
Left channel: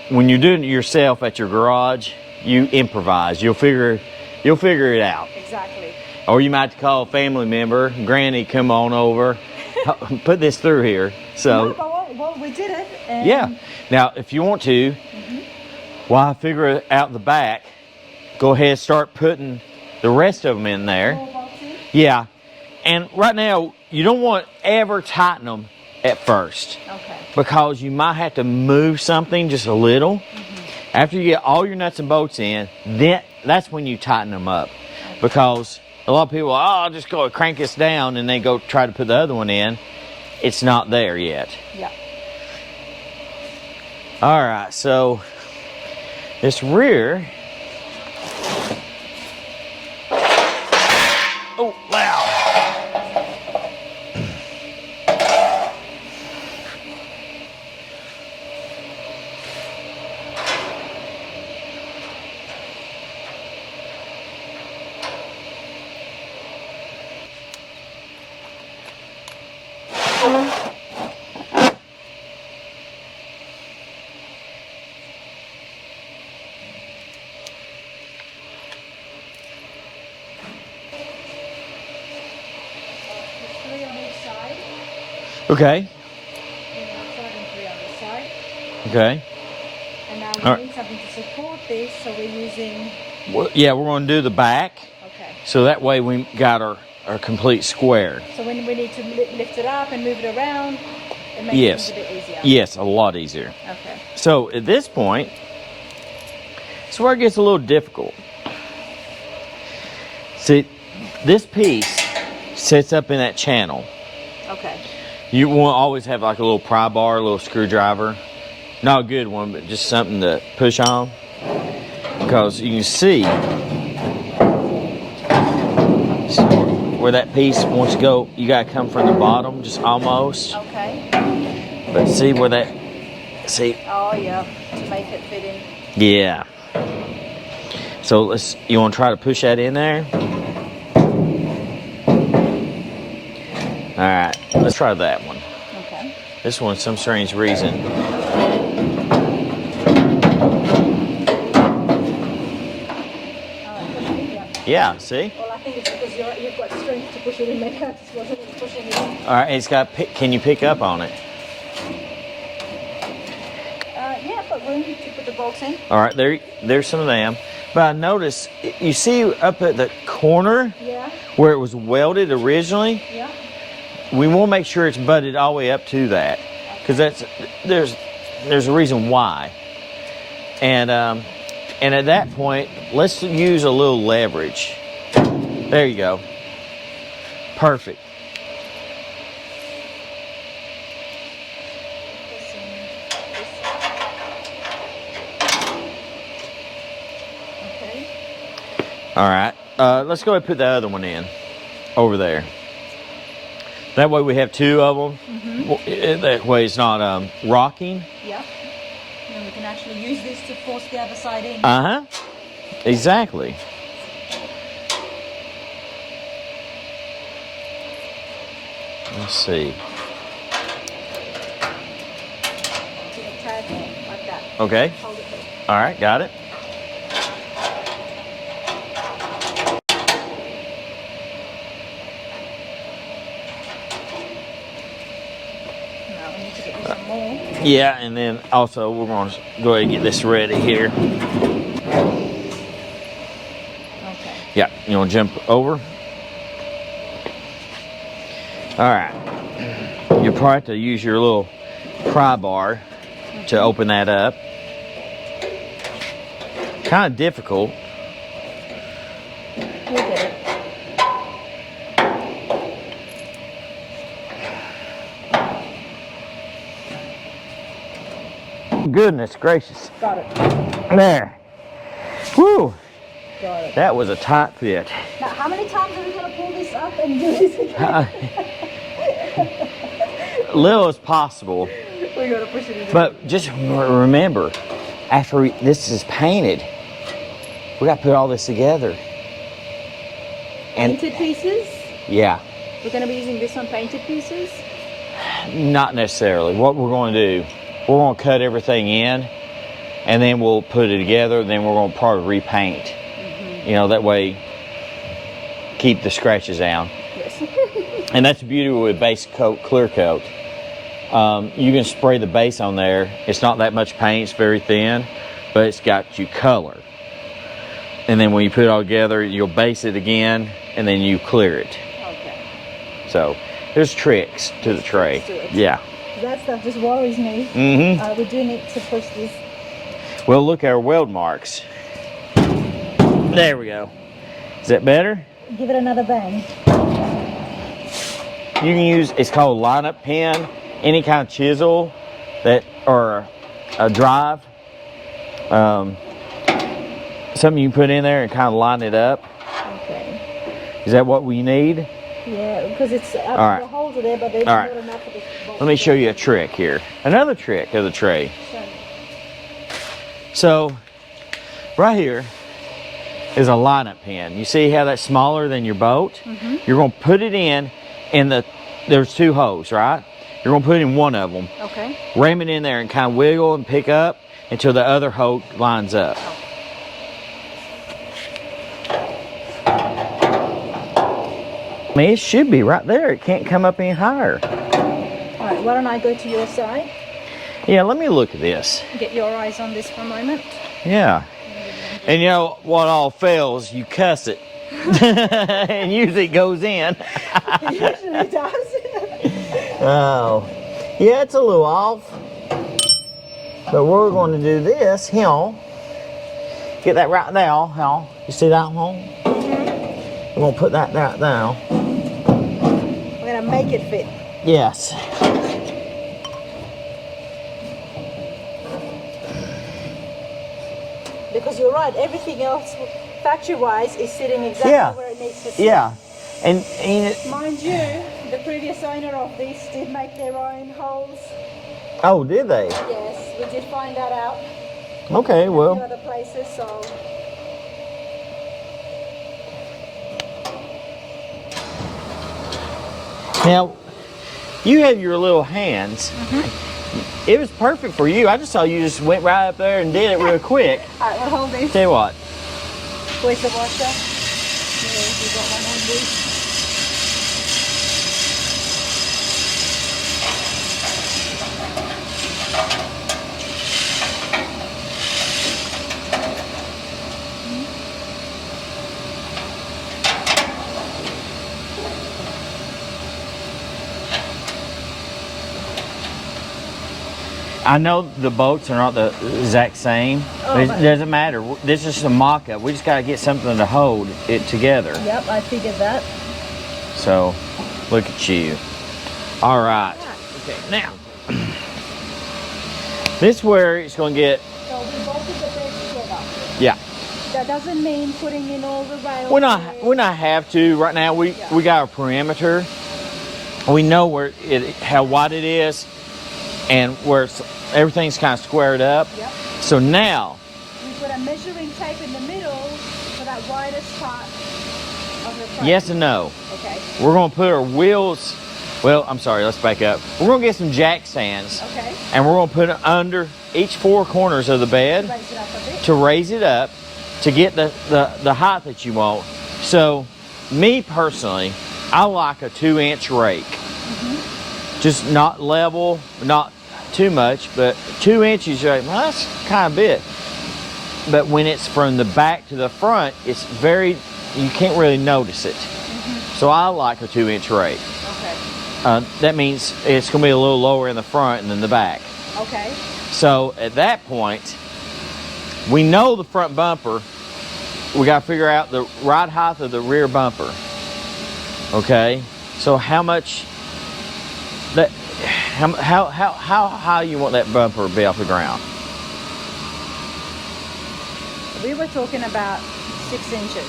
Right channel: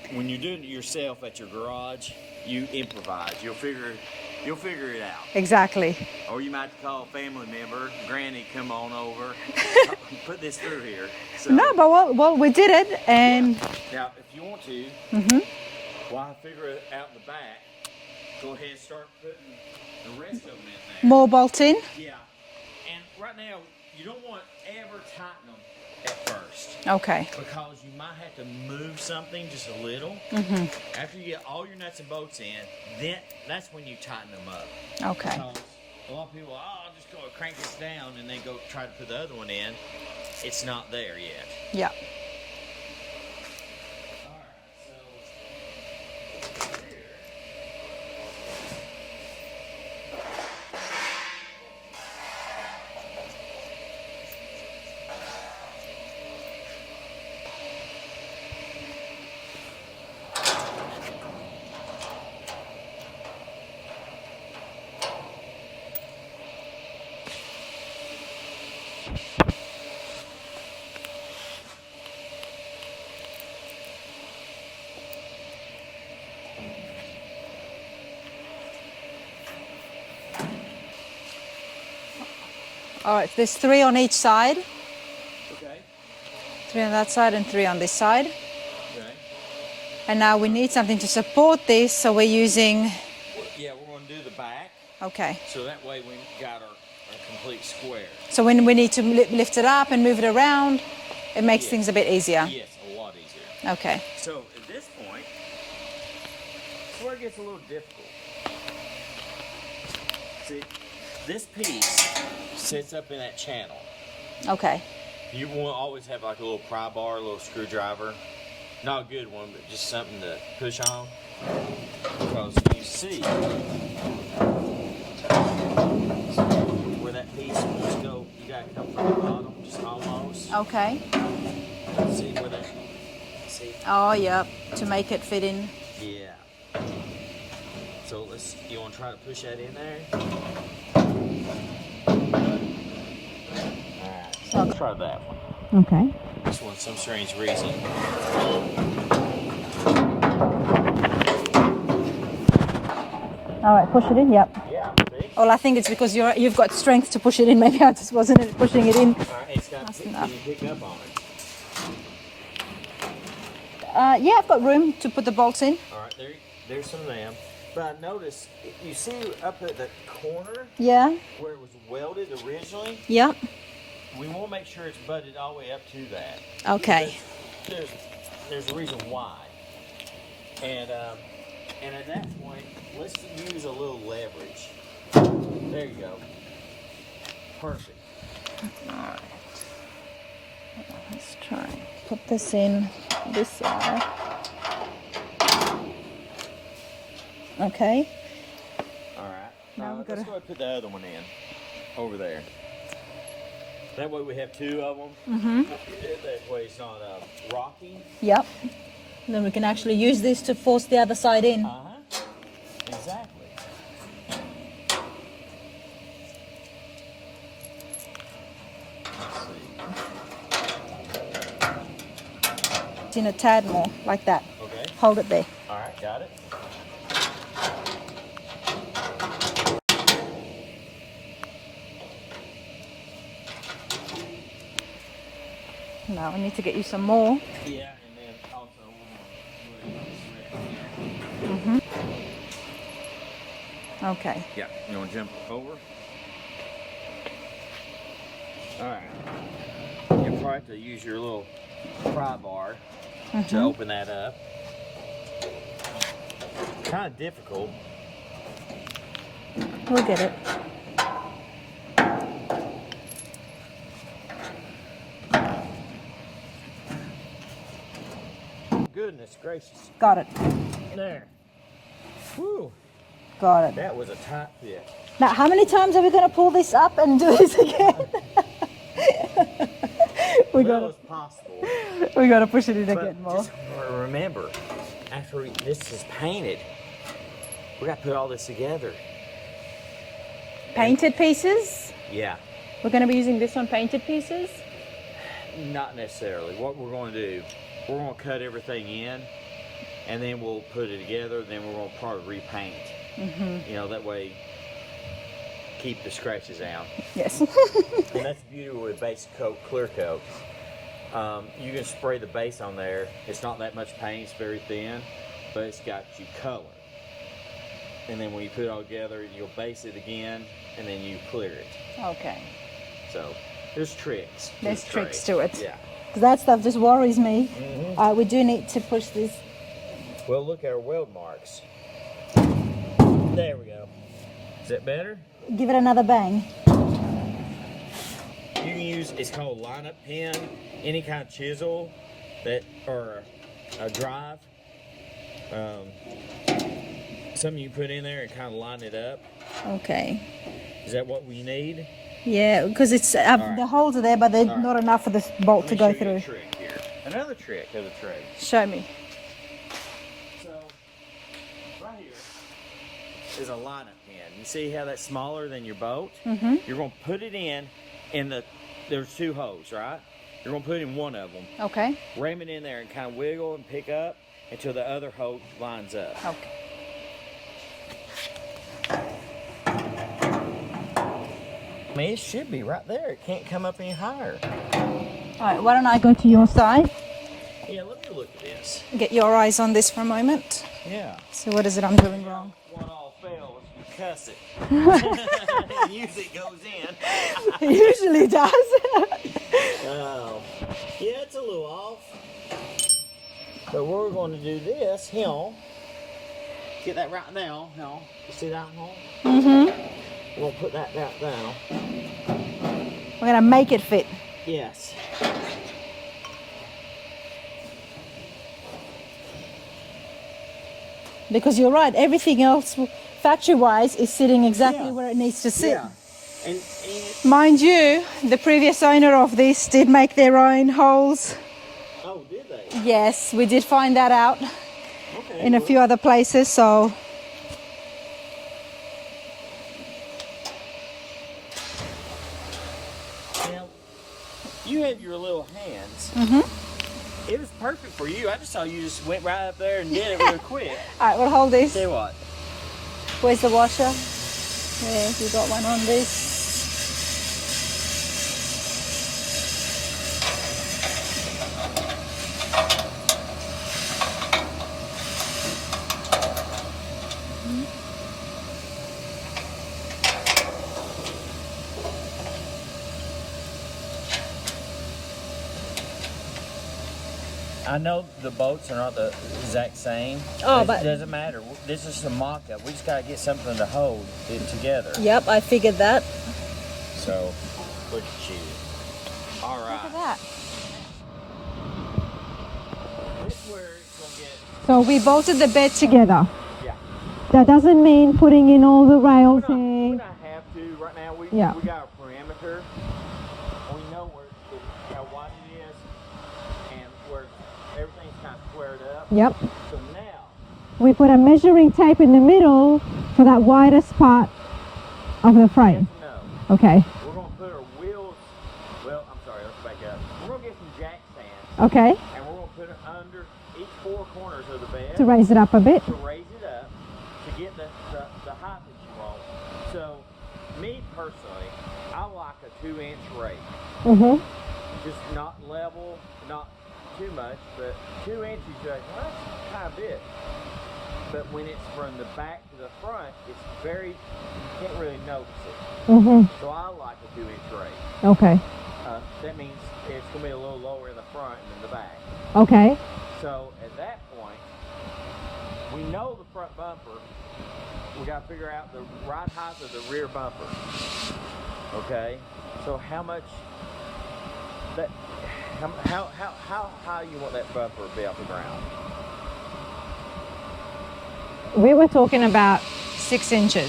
When you're doing it yourself at your garage, you improvise. You'll figure it out. Exactly. Or you might call a family member, Granny, come on over, put this through here. So No, but well, we did it. And yeah. Now, if you want to, while I figure it out the back, go ahead and start putting the rest of them in there. More bolting. Yeah. And right now, you don't want to ever tighten them at first. Okay. Because you might have to move something just a little. After you get all your nuts and bolts in, then that's when you tighten them up. Okay. Because a lot of people, I'll just go crank this down, and they go try to put the other one in. It's not there yet. Yeah. All right, so this rear. Oh, loud. All right. There's 3 on each side. Okay. 3 on that side and 3 on this side. Okay. And now we All right. need something to support this, so we're using. Well, yeah, we're going to do the back, Okay. so that way we got our complete square. So when we need to lift it up and move it around, it makes Yes. things a bit easier. Yes, a lot easier. Okay. So at this point, it's where it gets a little difficult. See, this piece sits up in that channel. Okay. You want to always have like a little pry bar, a little screwdriver. Not a good one, but just something to push on. Because you can see where that piece wants to go. You got to come from the bottom, just almost. Okay. But see where that, see? Oh, yeah. To make it fit in. Yeah. So you want to try to push that in there? All right, let's try that one. Okay. This one, some strange reason. All right, push it in. Yep. Yeah, see? Well, I think it's because you've got strength to push it in. Maybe I just wasn't pushing it in. All right, it's got. Can you pick up on it? Yeah, I've got room to put the bolts in. All right, there's some of them. But I noticed, you see up at the corner Yeah. where it was welded originally, Yeah. we want to make sure it's butted all the way up to that. Okay. Because there's a reason why. And at that point, let's use a little leverage. There you go. Perfect. Let's try and put this in this side. Okay. All right. Let's go ahead and put the other one in over there. That way we have two of them. That way it's not rocking. Yep. Then we can actually use this to force the other side in. Uh-huh. Exactly. Let's see. It's in a tad more, like that. Okay. Hold it there. All right. Got it. Now we need to get you some more. Yeah, and then also we're going to go ahead and get this ready here. Okay. Yeah, you want to jump over? All right. You'll probably have to use your little pry bar to open that up. Kind of difficult. We'll get it. Goodness gracious. Got it. There. Woo. Got it. That was a tight fit. Now, how many times are we going to pull this up and do this again? Little as possible. We got to push it in a bit But more. just remember, after this is painted, we got to put all this together. Painted pieces? Yeah. We're going to be using this on painted pieces? Not necessarily. What we're going to do, we're going to cut everything in, and then we'll put it together, then we're going to probably repaint. You know, that way, keep the scratches down. Yes. And that's the beauty with base coat, clear coat. You can spray the base on there. It's not that much paint, it's very thin, but it's got you color. And then when you put it all together, you'll base it again, and then you clear it. Okay. So there's tricks to There's the tray. tricks to it. Yeah. That stuff just worries me. Mm-hmm. We do need to push this. Well, look at our weld marks. There we go. Is that better? Give it another bang. You can use, it's called a lineup pen, any kind of chisel that, or a drive. Something you put in there and kind of line it up. Okay. Is that what we need? Yeah, because it's All right. the holes are there, but they're All right. not enough for this bolt. Let me to show go you a through. trick here. Another trick of the tray. Show me. So, right here is a lineup pin. You see how that's smaller than your boat? You're going to put it in, and there's two holes, right? You're going to put it in one of them. Okay. Ram it in there and kind of wiggle and pick up until the other hole lines up. I mean, it should be right there. It can't come up any higher. All right. Why don't I go to your side? Yeah, let me look at this. Get your eyes on this for a moment. Yeah. So what is it I'm doing? And you know what all fails? You cuss it. And usually it goes in. It usually does. Oh. Yeah, it's a little off. But we're going to do this, here. Get that right there, here. You see that one? Mm-hmm. We're going to put that right there. We're going to make it fit. Yes. Because you're right, everything else, factory-wise, is sitting exactly Yeah. where it needs to sit. Yeah. And Mind you, the previous owner of this did make their own holes. oh, did they? Yes, we did find that out Okay, in well. a few other places, so Now, you have your little hands. It was perfect for you. I just saw you just went right up there and did it real quick. All right, we'll hold this. Tell you what. Where's the washer? There, we got one on this. I know the bolts are not the exact same, but it doesn't matter. This is a mock-up. We just got to get something to hold it together. Yep, I figured that. So, look at you. All right. Okay, now, this is where it's going to get... So we bolted the bed together. Yeah. That doesn't mean putting in all the rails. We not have to right now. We got our perimeter. We know where how wide it is, and where everything's kind of squared up. Yep. So now we put a measuring tape in the middle for that widest part of the frame. yes and no. Okay. We're going to put our wheels. Well, I'm sorry. Let's back up. We're going to get some jack stands. Okay. And we're going to put it under each four corners of the bed To raise it up a bit. to raise it up to get the height that you want. So, me personally, I like a 2-inch rake. Just not level, not too much, but 2 inches, you're like, well, that's kind of bit. But when it's from the back to the front, it's very, you can't really notice it. So I like a 2-inch rake. Okay. That means it's going to be a little lower in the front than the back. Okay. So at that point, we know the front bumper. We got to figure out the right height of the rear bumper. Okay. So how much that, how high you want that bumper to be off the ground? We were talking about 6 inches,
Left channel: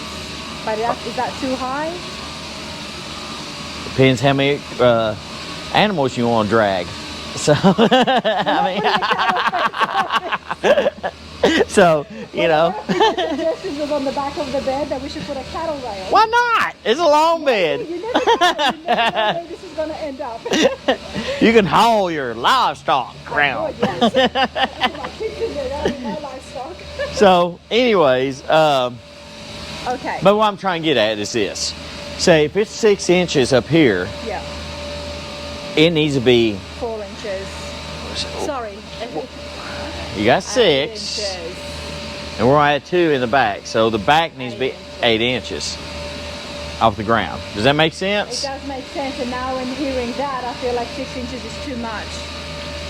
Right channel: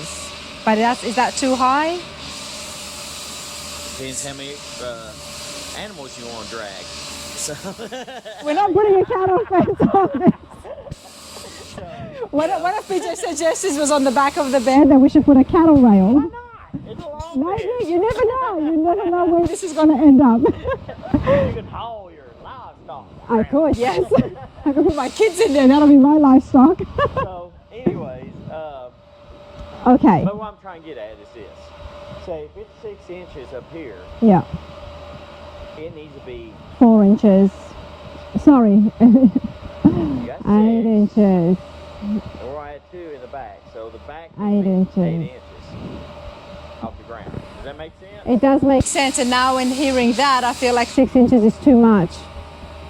but is that too high? Depends how many animals you want to drag. So, so you know. One of the suggestions was on the back of the bed. And then we should put a cattle rail. Why not? It's a long bed. You never know. You never know where this is going to end up. You can haul your livestock around. Yes. I can put my kids in there. That'll be my livestock. So, anyways, Okay. but what I'm trying to get at is this. Say, if it's 6 inches up here, Yeah. it needs to be, 4 inches. Sorry. you got 6, 8 inches. and we're at 2 in the back. So the back needs to be 8 inches. 8 inches off the ground. Does that make sense? It does make Sense, and now in hearing that, I feel like 6 inches is too much.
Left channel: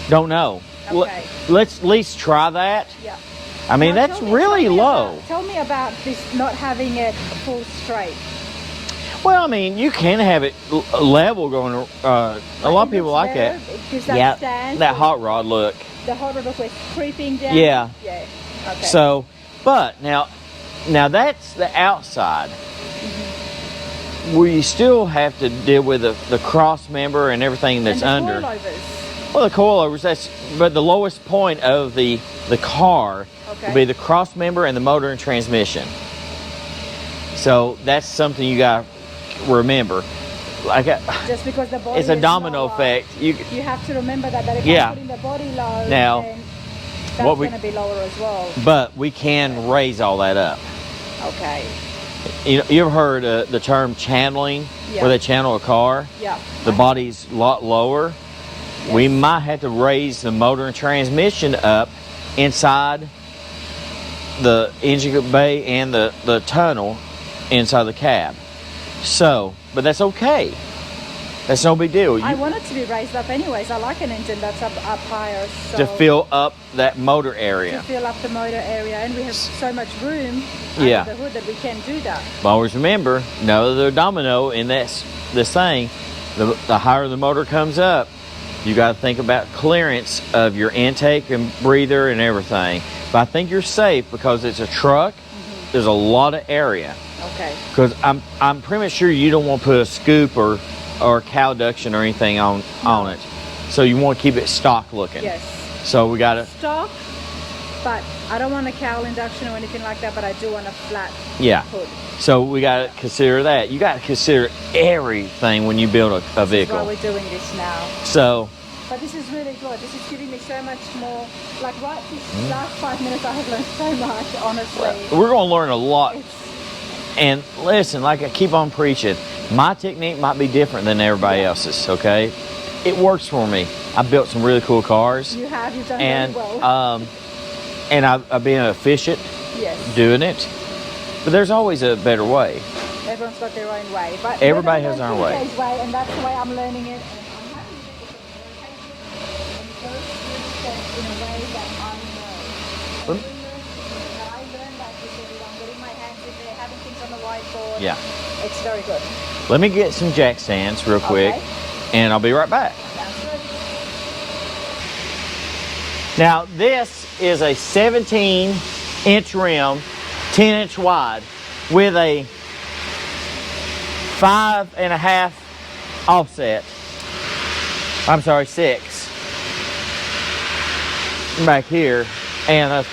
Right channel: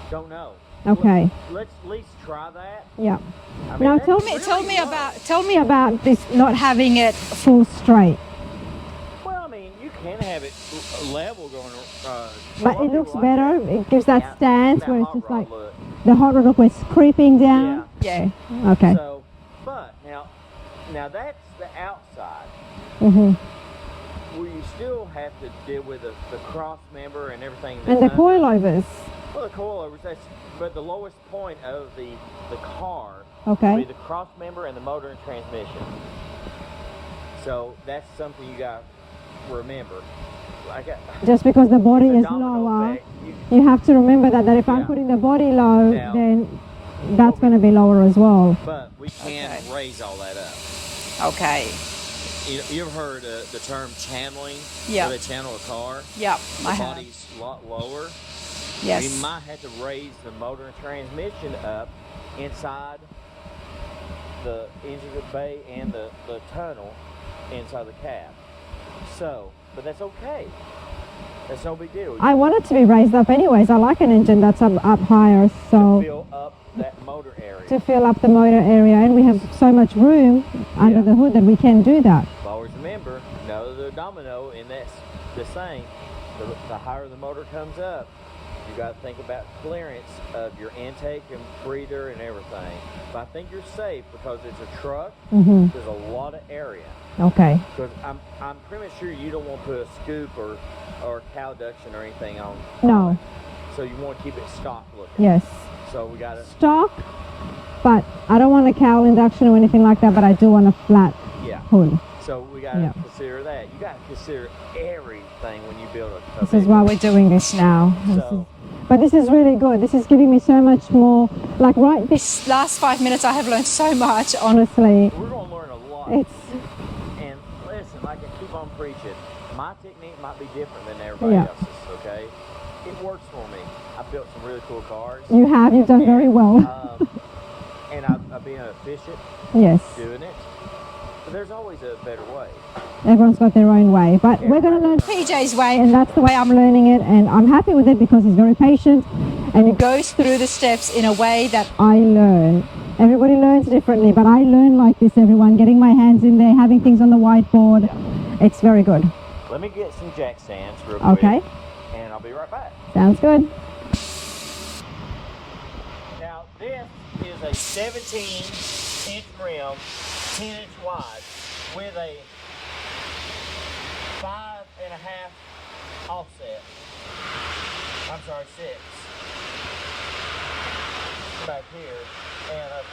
Don't know. Okay. Let's at least try that. Yeah. I mean, Well, that's tell me- really low. Tell me about this not having it full straight. Well, I mean, you can have it level going. A lot of people like that. It gives that stance. that where hot it's rod like- look. The hot rod look was creeping down. Yeah. yeah. Okay. So, but now that's the outside. We still have to deal with the cross member and everything that's and the under. coilovers. Well, the coilovers. But the lowest point of the car Okay. would be the cross member and the motor and transmission. So that's something you got to remember. Like Just because the body it's a is domino lower, effect. You have to remember that if Yeah. I'm putting the body low, Now, then that's what we- going to be lower as well. But we can raise all that up. Okay. You ever heard the term channeling, Yeah. where they channel a car? Yeah. The body's a lot lower. Yes. We might have to raise the motor and transmission up inside the engine bay and the tunnel inside the cab. So, but that's okay. That's no big deal. I want it to be raised up anyways. I like an engine that's up higher. So To fill up that motor to area. fill up the motor area, and we have so much room Yeah. under the hood that we can do that. But always remember, no other domino in this thing. The higher the motor comes up, you got to think about clearance of your intake and breather and everything. But I think you're safe because it's a truck. There's a lot of area. Okay. Because I'm pretty much sure you don't want to put a scoop or cow duction or anything on it. So you want to keep it stock looking. Yes. So we got to. Stock, but I don't want a cowl induction or anything like that. But I do want a flat Yeah. hood. So we got to Yeah. consider that. You got to consider everything when you build a This is why vehicle. we're doing this now. So, But this is really good. This is giving me so much more, like right this, Last 5 minutes, I have learned so much. honestly. we're going to learn a lot. It's, And listen, like I keep on preaching, my technique might be different than everybody Yeah. else's, okay? It works for me. I built some really cool cars. you've done very And, well. and I've been efficient Yes, doing it. But there's always a better way. everyone's got their own way. But Everybody we're has gonna their own way. PJ's way and that's the way I'm learning it, and I'm happy with it because it's very patient, and it, goes through the steps in a way that I learn. Everybody learns differently, but I learn like this, everyone, getting my hands in there, having things on the whiteboard. Yeah. It's very good. Let me get some jack stands real quick, Okay. and I'll be right back. Sounds good. Now, this is a 17-inch rim, 10-inch wide, with a 5.5 offset. I'm sorry, 6 back here, and a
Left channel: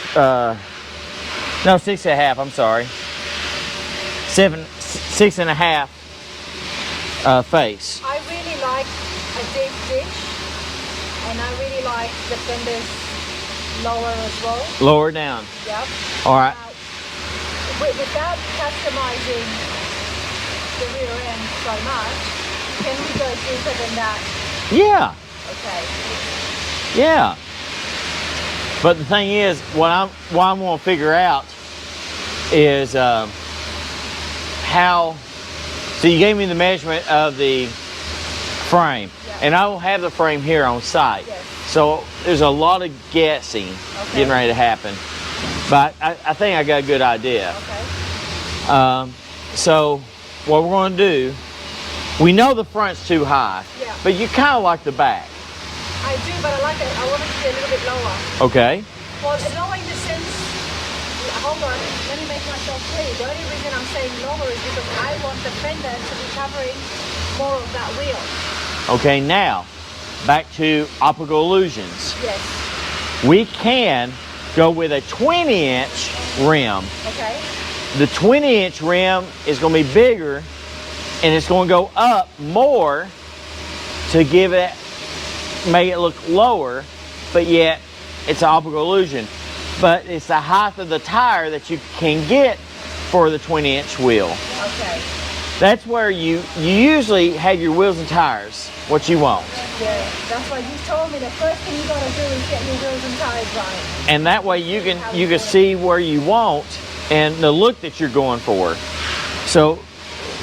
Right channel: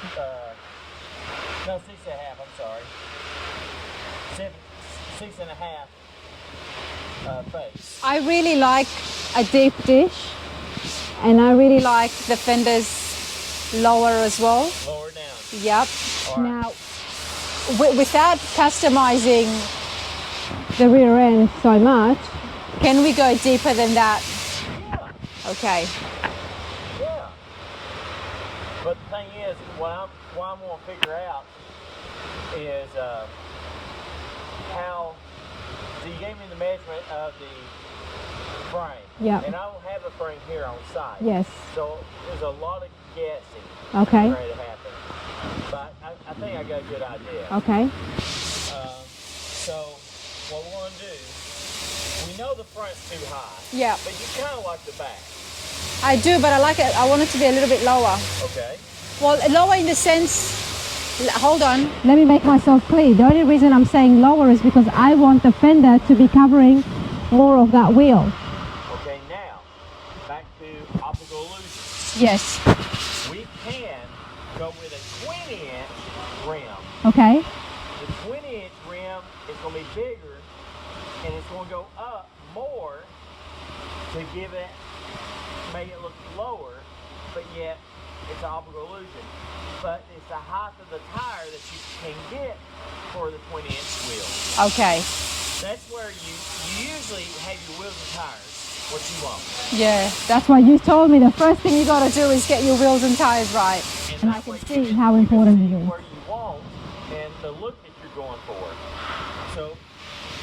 no, 6.5. I'm sorry, 6.5 face. I really like a deep dish, and I really like the fenders lower as well. Lower down. Yep. All right. Now, without customizing, The rear end so much. can we go deeper than that? Yeah. Okay. Yeah. But the thing is, what I'm going to figure out is how. So you gave me the measurement of the frame, Yeah. and I will have the frame here on site. Yes. So there's a lot of guessing Okay. getting ready to happen, but I think I got a good idea. Okay. So what we're going to do, we know the front's too high. Yeah. But you kind of like the back. I do, but I like it. I want it to be a little bit lower. Okay. Well, lower in the sense. Hold on. Let me make myself clear. The only reason I'm saying lower is because I want the fender to be covering more of that wheel. Okay, now, back to optical illusions. Yes. We can go with a 20-inch rim. Okay. The 20-inch rim is going to be bigger, and it's going to go up more to make it look lower, but yet it's an optical illusion. But it's the height of the tire that you can get for the 20-inch wheel. Okay. That's where you usually have your wheels and tires, what you want. Yeah. That's why you told me the first Thing you gotta do is get your wheels and tires right. And that way you How can important see it is. where you want and the look that you're going for. So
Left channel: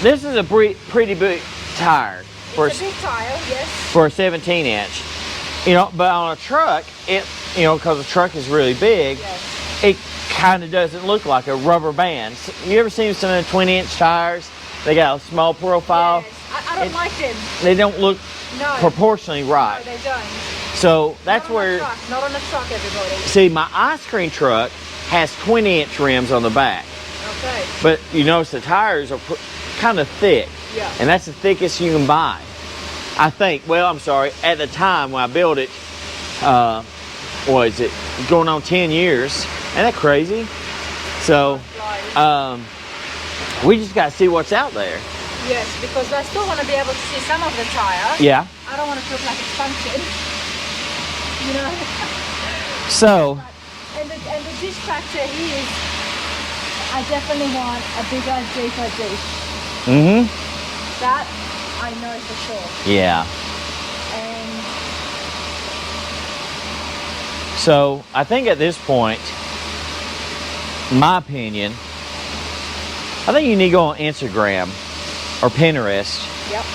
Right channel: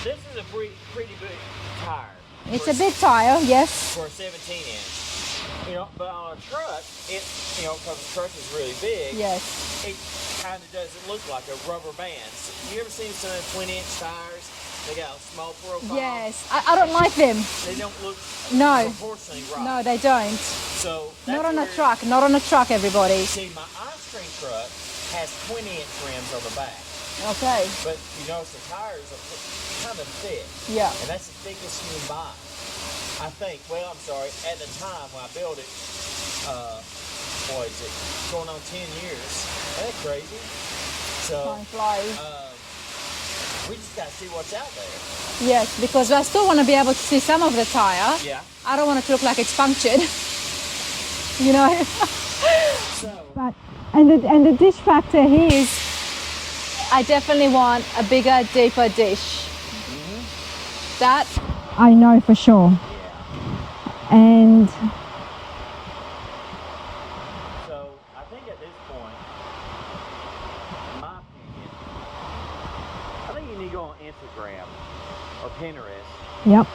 this is a pretty big tire It's a big tire, yes. for a 17-inch. You know, but on a truck, because the truck is really big, Yes. it kind of doesn't look like a rubber band. You ever seen some of the 20-inch tires? They got a small profile. Yes. I don't like them. They don't look No. proportionally No, right. they don't. So that's Not on where. a truck. Not on a truck, everybody. See, my ice cream truck has 20-inch rims on the back, Okay. but you notice the tires are kind of thick. Yeah. And that's the thickest you can buy. I think, well, I'm sorry, at the time when I built it, what is it, going on 10 years. Isn't that crazy? So, we just got to see what's out there. Yes, because I still want to be able to see some of the tire. Yeah. I don't want it to look like it's punctured. You know? So, and the dish factor here is I definitely want a bigger, deeper dish. That, I know for sure. yeah. And So, I think at this point, my opinion, I think you need to go on Instagram or Pinterest yep.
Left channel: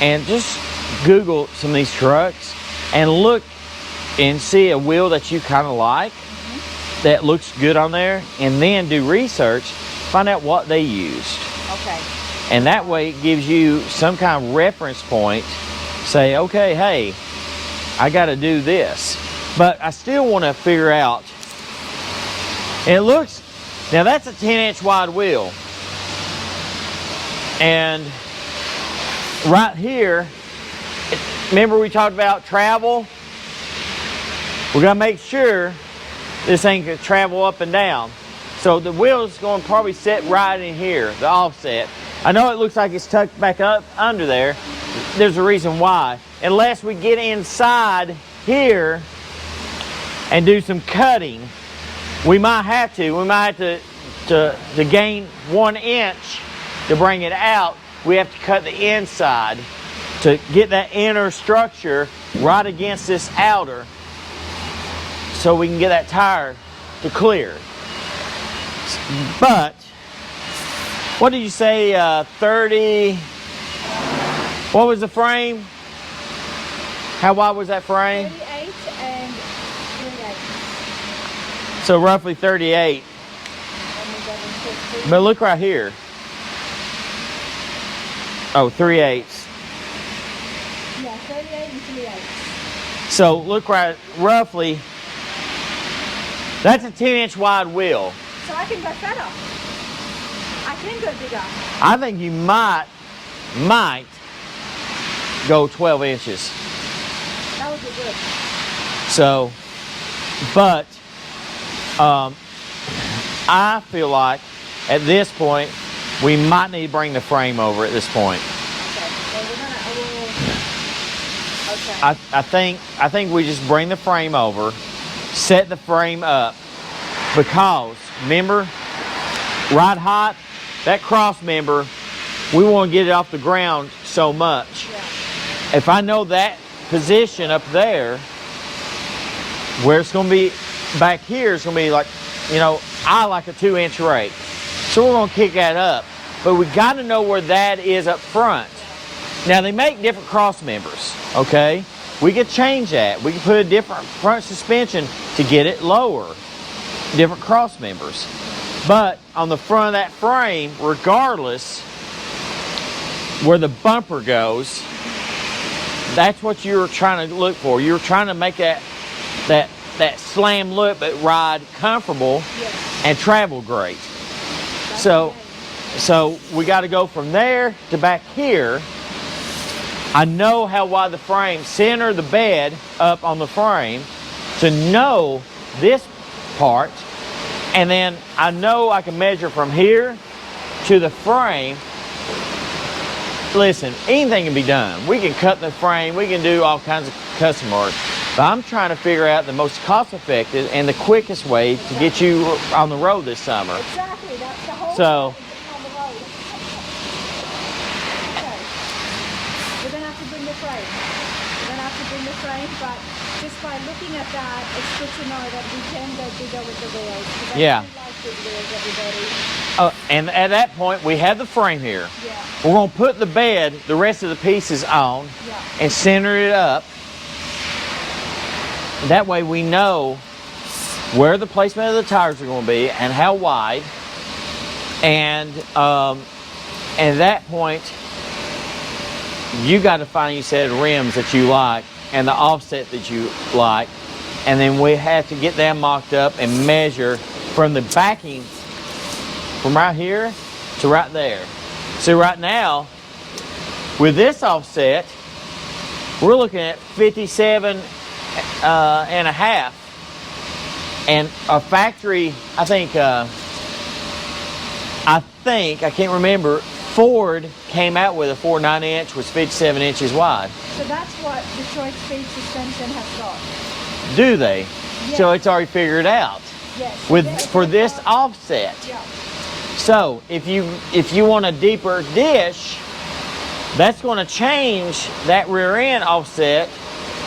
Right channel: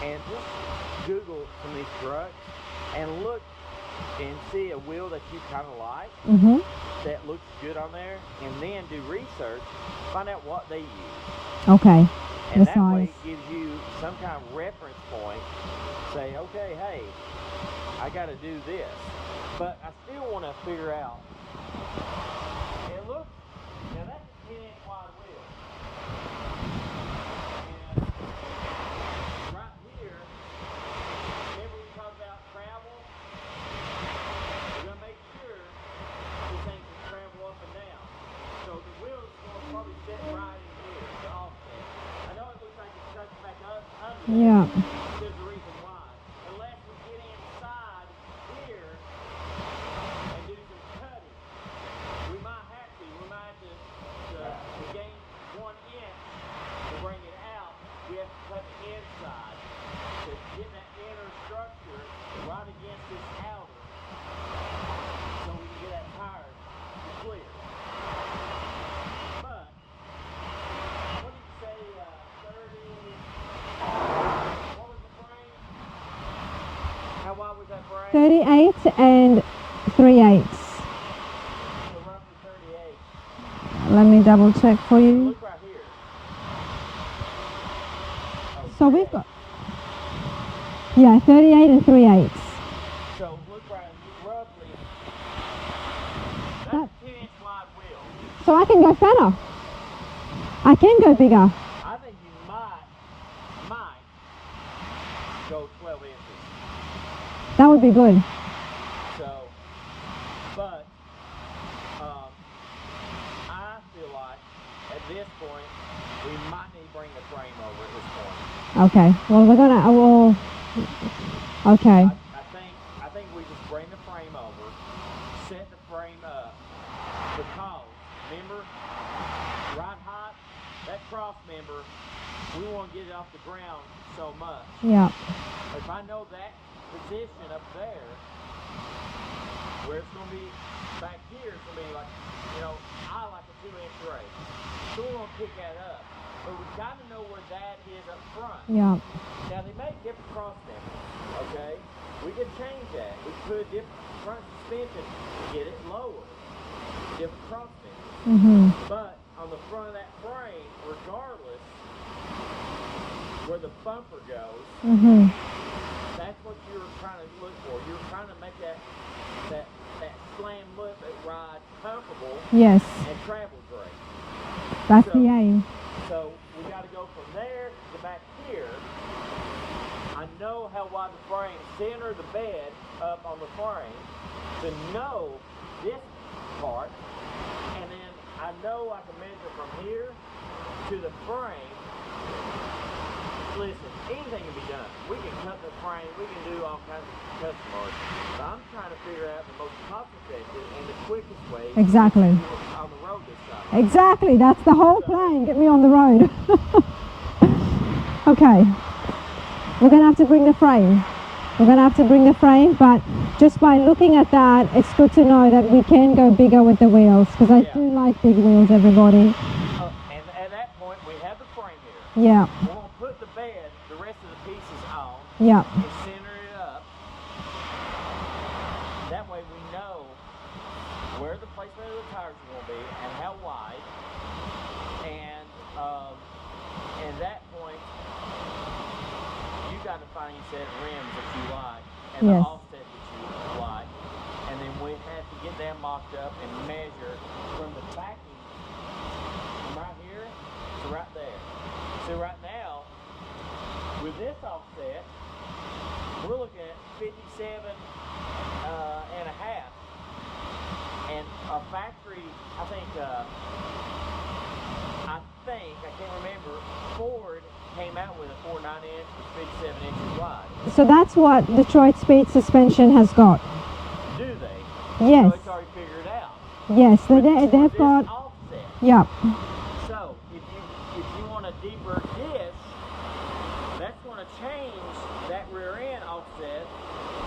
and just Google some of these trucks and look and see a wheel that you kind of like that looks good on there, and then do research, find out what they used. Okay. And That's that fine. way it gives you some kind of reference point. Say, okay, hey, I got to do this. But I still want to figure out, and it looks, now that's a 10-inch wide wheel. And right here, remember we talked about travel? We're gonna make sure this thing can travel up and down. So the wheel is going to probably sit right in here, the offset. I know it looks like it's tucked back up under there. Yeah. There's a reason why. Unless we get inside here and do some cutting, we might have to. We might have to gain 1 inch to bring it out. We have to cut the inside to get that inner structure right against this outer, so we can get that tire to clear. But what did you say? 30. What was the frame? How wide was that frame? 38 and 3/8. So roughly 38. Let me double check for you. But look right here. Oh, 3/8. Yeah, 38 and 3/8. So look right, roughly. That's a 10-inch wide wheel. So I can go fatter. I can go bigger. I think you might go 12 inches. That would be good. So, but I feel like at this point we might need to bring the frame over at this point. Okay. Well, we're gonna. Okay. I think we just bring the frame over, set the frame up, because remember, ride hot, that cross member, we want to get it off the ground so much. Yeah. If I know that position up there, where it's going to be back here, it's going to be like, you know, I like a 2-inch rake. So we're going to kick that up. But we got to know where that is up front. Yeah. Now, they make different cross members, okay? We could change that. We could put a different front suspension to get it lower. Different cross members. But on the front of that frame, regardless where the bumper goes, that's what you were trying to look for. You were trying to make that slam look, but ride comfortable. Yes. And travel great. That's the aim. So we got to go from there to back here. I know how wide the frame, center the bed up on the frame to know this part, and then I know I can measure from here to the frame. Listen, anything can be done. We can cut the frame, we can do all kinds of custom work, but I'm trying to figure out the most cost-effective and the quickest way to get you on the road this summer. Exactly, that's the whole plan, get me on the road. Okay, we're gonna have to bring the frame. We're gonna have to bring the frame, but just by looking at that, it's good to know that we can go bigger with the wheels, because I do like big wheels, everybody. And at that point, we have the frame here. Yeah. We're going to put the bed, the rest of the pieces on, and center it up. That way we know where the placement of the tires are going to be and how wide. And at that point, you got to find a set of rims that you like and the offset that you like. And then we have to get them mocked up and measure from the backing from right here to right there. So right now, with this offset, we're looking at 57 and a half. And a factory, I can't remember, Ford came out with a 4.9 inch, was 57 inches wide. So that's what Detroit Speed Suspension has got. Do they? Yes. So it's already figured out. Yes. For this offset. Yeah. So if you want a deeper dish, that's going to change that rear end offset.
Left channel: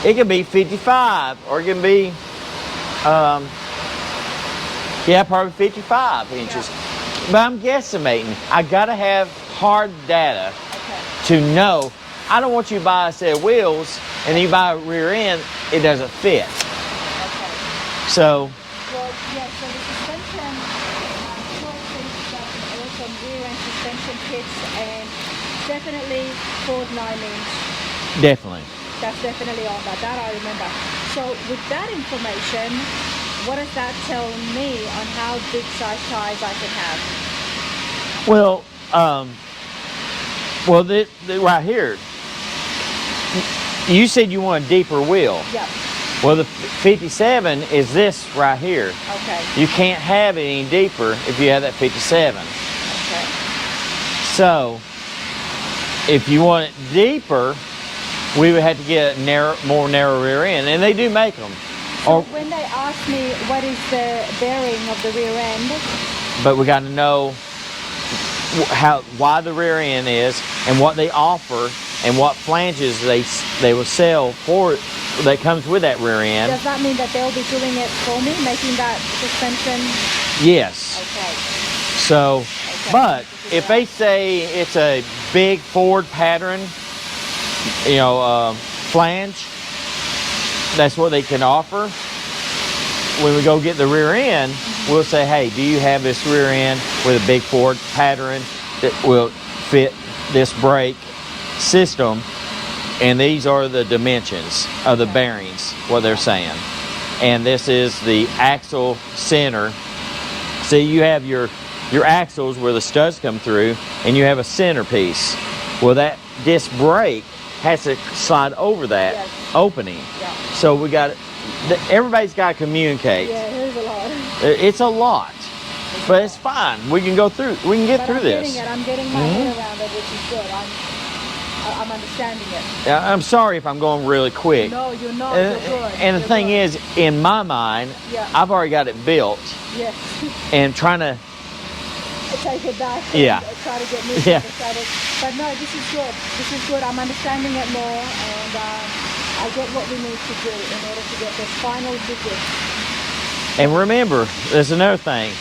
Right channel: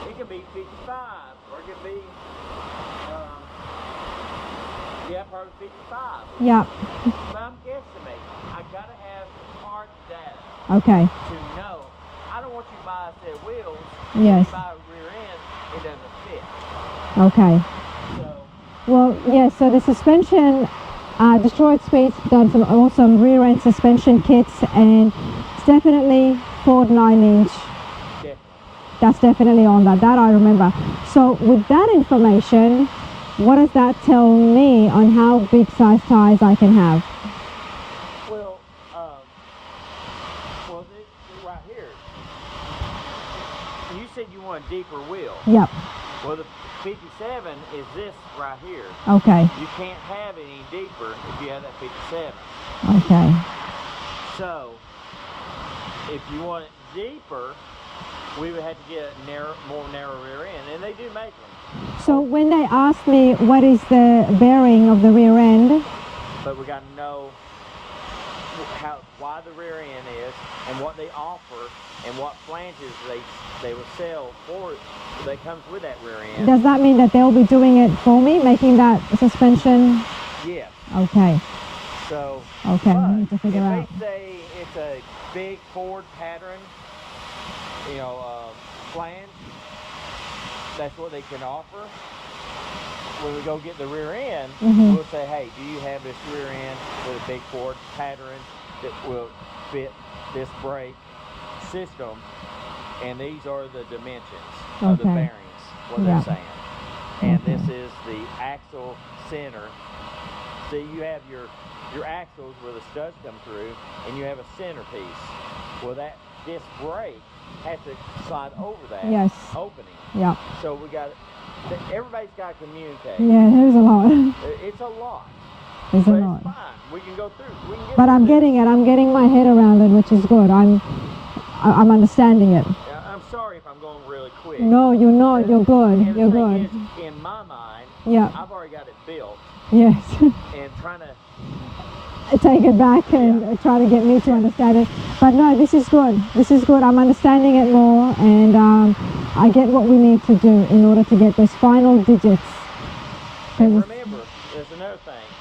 It could be 55, or it can be, probably 55 inches. Yeah. But I'm guesstimating. I got to have hard data Okay. to know. I don't want you to buy a set of wheels and you buy a rear end, it doesn't fit. Okay. So. Well, yeah, so the suspension, Detroit Speed done some awesome rear end suspension kits, and definitely Ford 9-inch. Definitely. That's definitely on that I remember. So with that information, what does that tell me on how big size tires I can have? Well, right here, you said you want a deeper wheel. Yep. Well, the 57 is this right here. Okay. You can't have it any deeper if you have that 57. Okay. So, if you want it deeper, we would have to get a more narrow rear end, and they do make them. So when they ask me what is the bearing of the rear end, But we got to know how wide the rear end is and what they offer and what flanges they will sell for that comes with that rear end. does that mean that they'll be doing it for me, making that suspension? Yes. Okay. So, Okay, but I need to figure if they out. say it's a big Ford pattern, you know, flange, that's what they can offer. When we go get the rear end, we'll say, hey, do you have this rear end with a big Ford pattern that will fit this brake system? And these are the dimensions of the Okay. bearings, what they're saying. And this is the axle center. See, you have your axles where the studs come through, and you have a centerpiece. Well, that disc brake has to slide over that Yes. opening. Yeah. So we got everybody's got to communicate. Yeah, it is a lot. It's a lot, It's a but it's lot. fine. We can go through. We can get But through I'm this. getting it. I'm getting my head around it, which is good. I'm understanding it. I'm sorry if I'm going really quick. No, you're not. You're good. And the You're thing good. is, in my mind, Yeah. I've already got it built, Yes. and trying to. Take it back and Yeah. try to get me to Yeah. understand it. But no, this is good. This is good. I'm understanding it more, and I get what we need to do in order to get this final digit. And remember, there's another thing.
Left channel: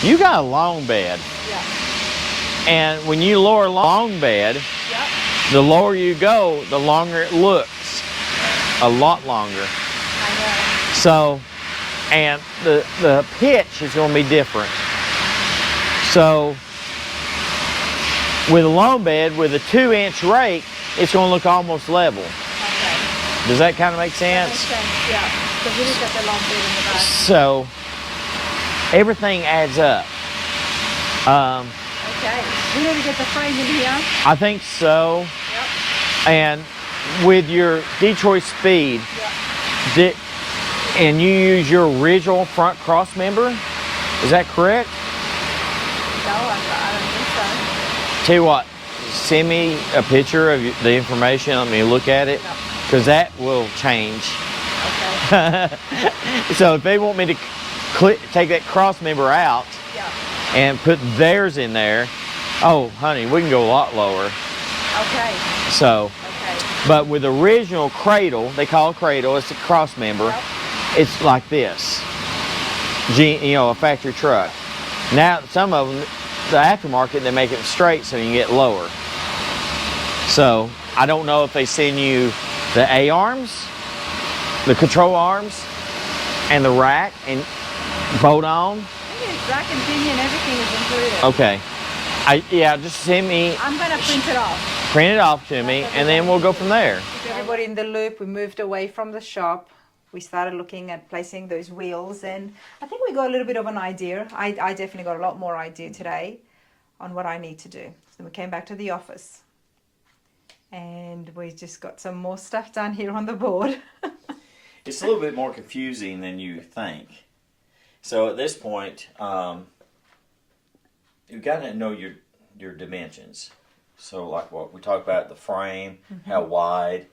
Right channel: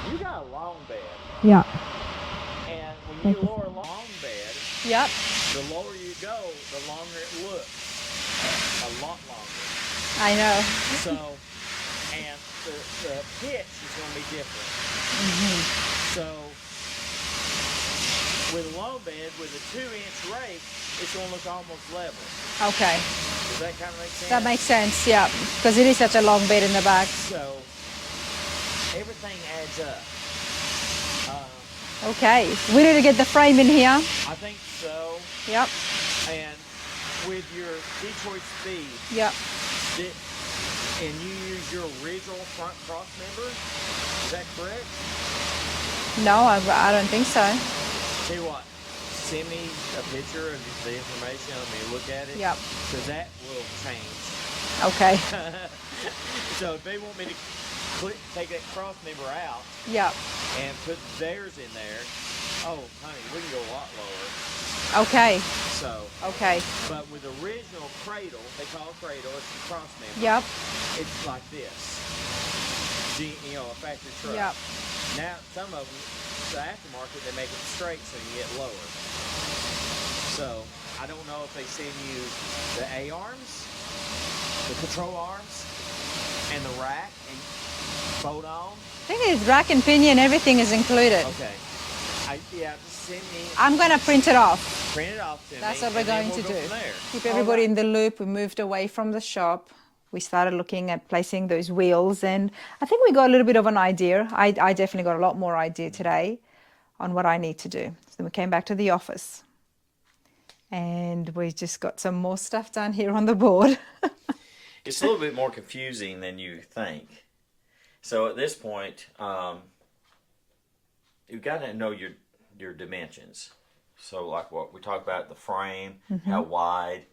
You got a long bed, Yeah. and when you lower a long bed, Yep. the lower you go, the longer it looks. A lot longer. I know. So, and the pitch is going to be different. So, with a long bed, with a 2-inch rake, it's going to look almost level. Okay. Does that kind of make sense? That makes sense, yeah. Because it is such a long bed in the back. So, everything adds up. Okay. We need to get the frame in here. I think so. Yep. And with your Detroit Speed, Yep. and you use your original front cross member, is that correct? No, I don't think so. Tell you what, send me a picture of the information. Let me look at it, Yep. because that will change. Okay. So if they want me to take that cross member out Yeah. and put theirs in there, oh, honey, we can go a lot lower. Okay. So, Okay. but with the original cradle, they call it cradle, it's a cross member. Yep. It's like this, a factory truck. Now, some of them, the aftermarket, they make it straight so you can get lower. So, I don't know if they send you the A-arms, the control arms, and the rack, and bolt on. I think it's rack and pinion, everything is included. Okay. Just send me, I'm going to print it off. print it off to me, That's what and we're then going we'll to go do. from there. Keep everybody in the loop. We moved away from the shop. We started looking at placing those wheels, and I think we got a little bit of an idea. I definitely got a lot more idea today on what I need to do. So we came back to the office, and we just got some more stuff done here on the board. It's a little bit more confusing than you think. So at this point, you've got to know your dimensions. So like what we talked about, the frame, how wide,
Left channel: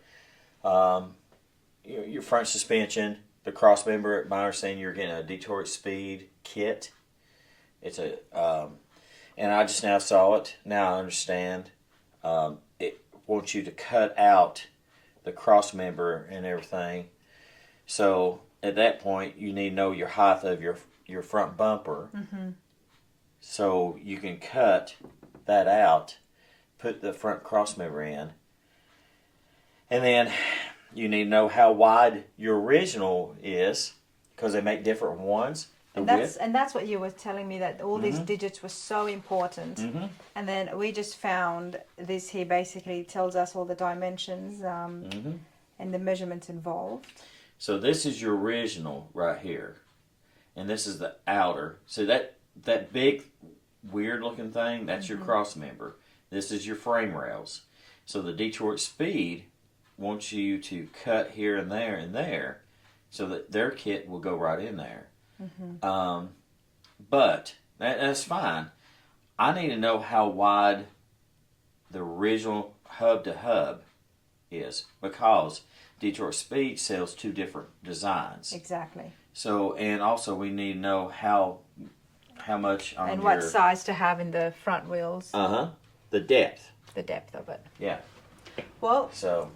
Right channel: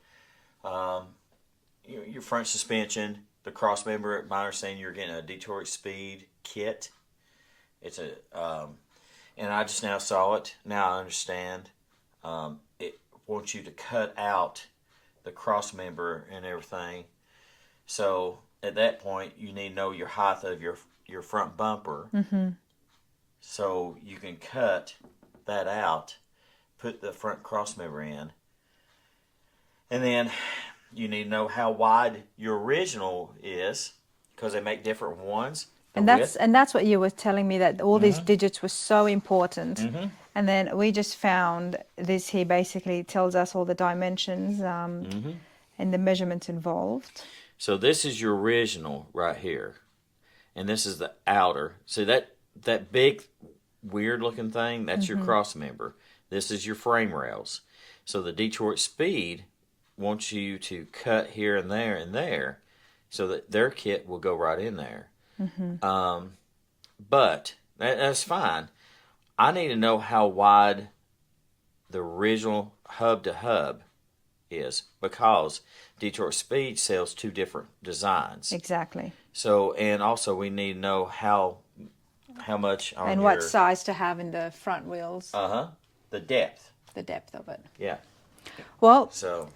your front suspension, the cross member. My understanding, you're getting a Detroit Speed kit. It's and I just now saw it. Now I understand. It wants you to cut out the cross member and everything. So at that point, you need to know your height of your front bumper. So you can cut that out, put the front cross member in, and then you need to know how wide your original is, because they make different ones. And that's what you were telling me, that all these digits were so important. And then we just found this here basically tells us all the dimensions and the measurements involved. So this is your original right here, and this is the outer. So that big weird looking thing, that's your cross member. This is your frame rails. So the Detroit Speed wants you to cut here and there, so that their kit will go right in there. But that's fine. I need to know how wide the original hub to hub is, because Detroit Speed sells 2 different designs. Exactly. So, and also we need to know how much on And what size to have in the front wheels. the depth. The depth of it. Yeah. Well, So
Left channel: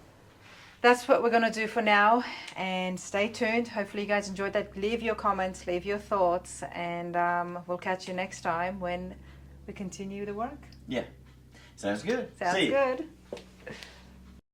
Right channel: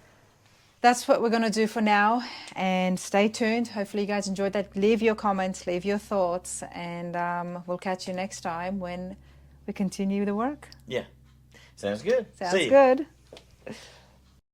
that's what we're going to do for now, and stay tuned. Hopefully you guys enjoyed that. Leave your comments, leave your thoughts, and we'll catch you next time when we continue the work. yeah, sounds good. Sounds See ya. good.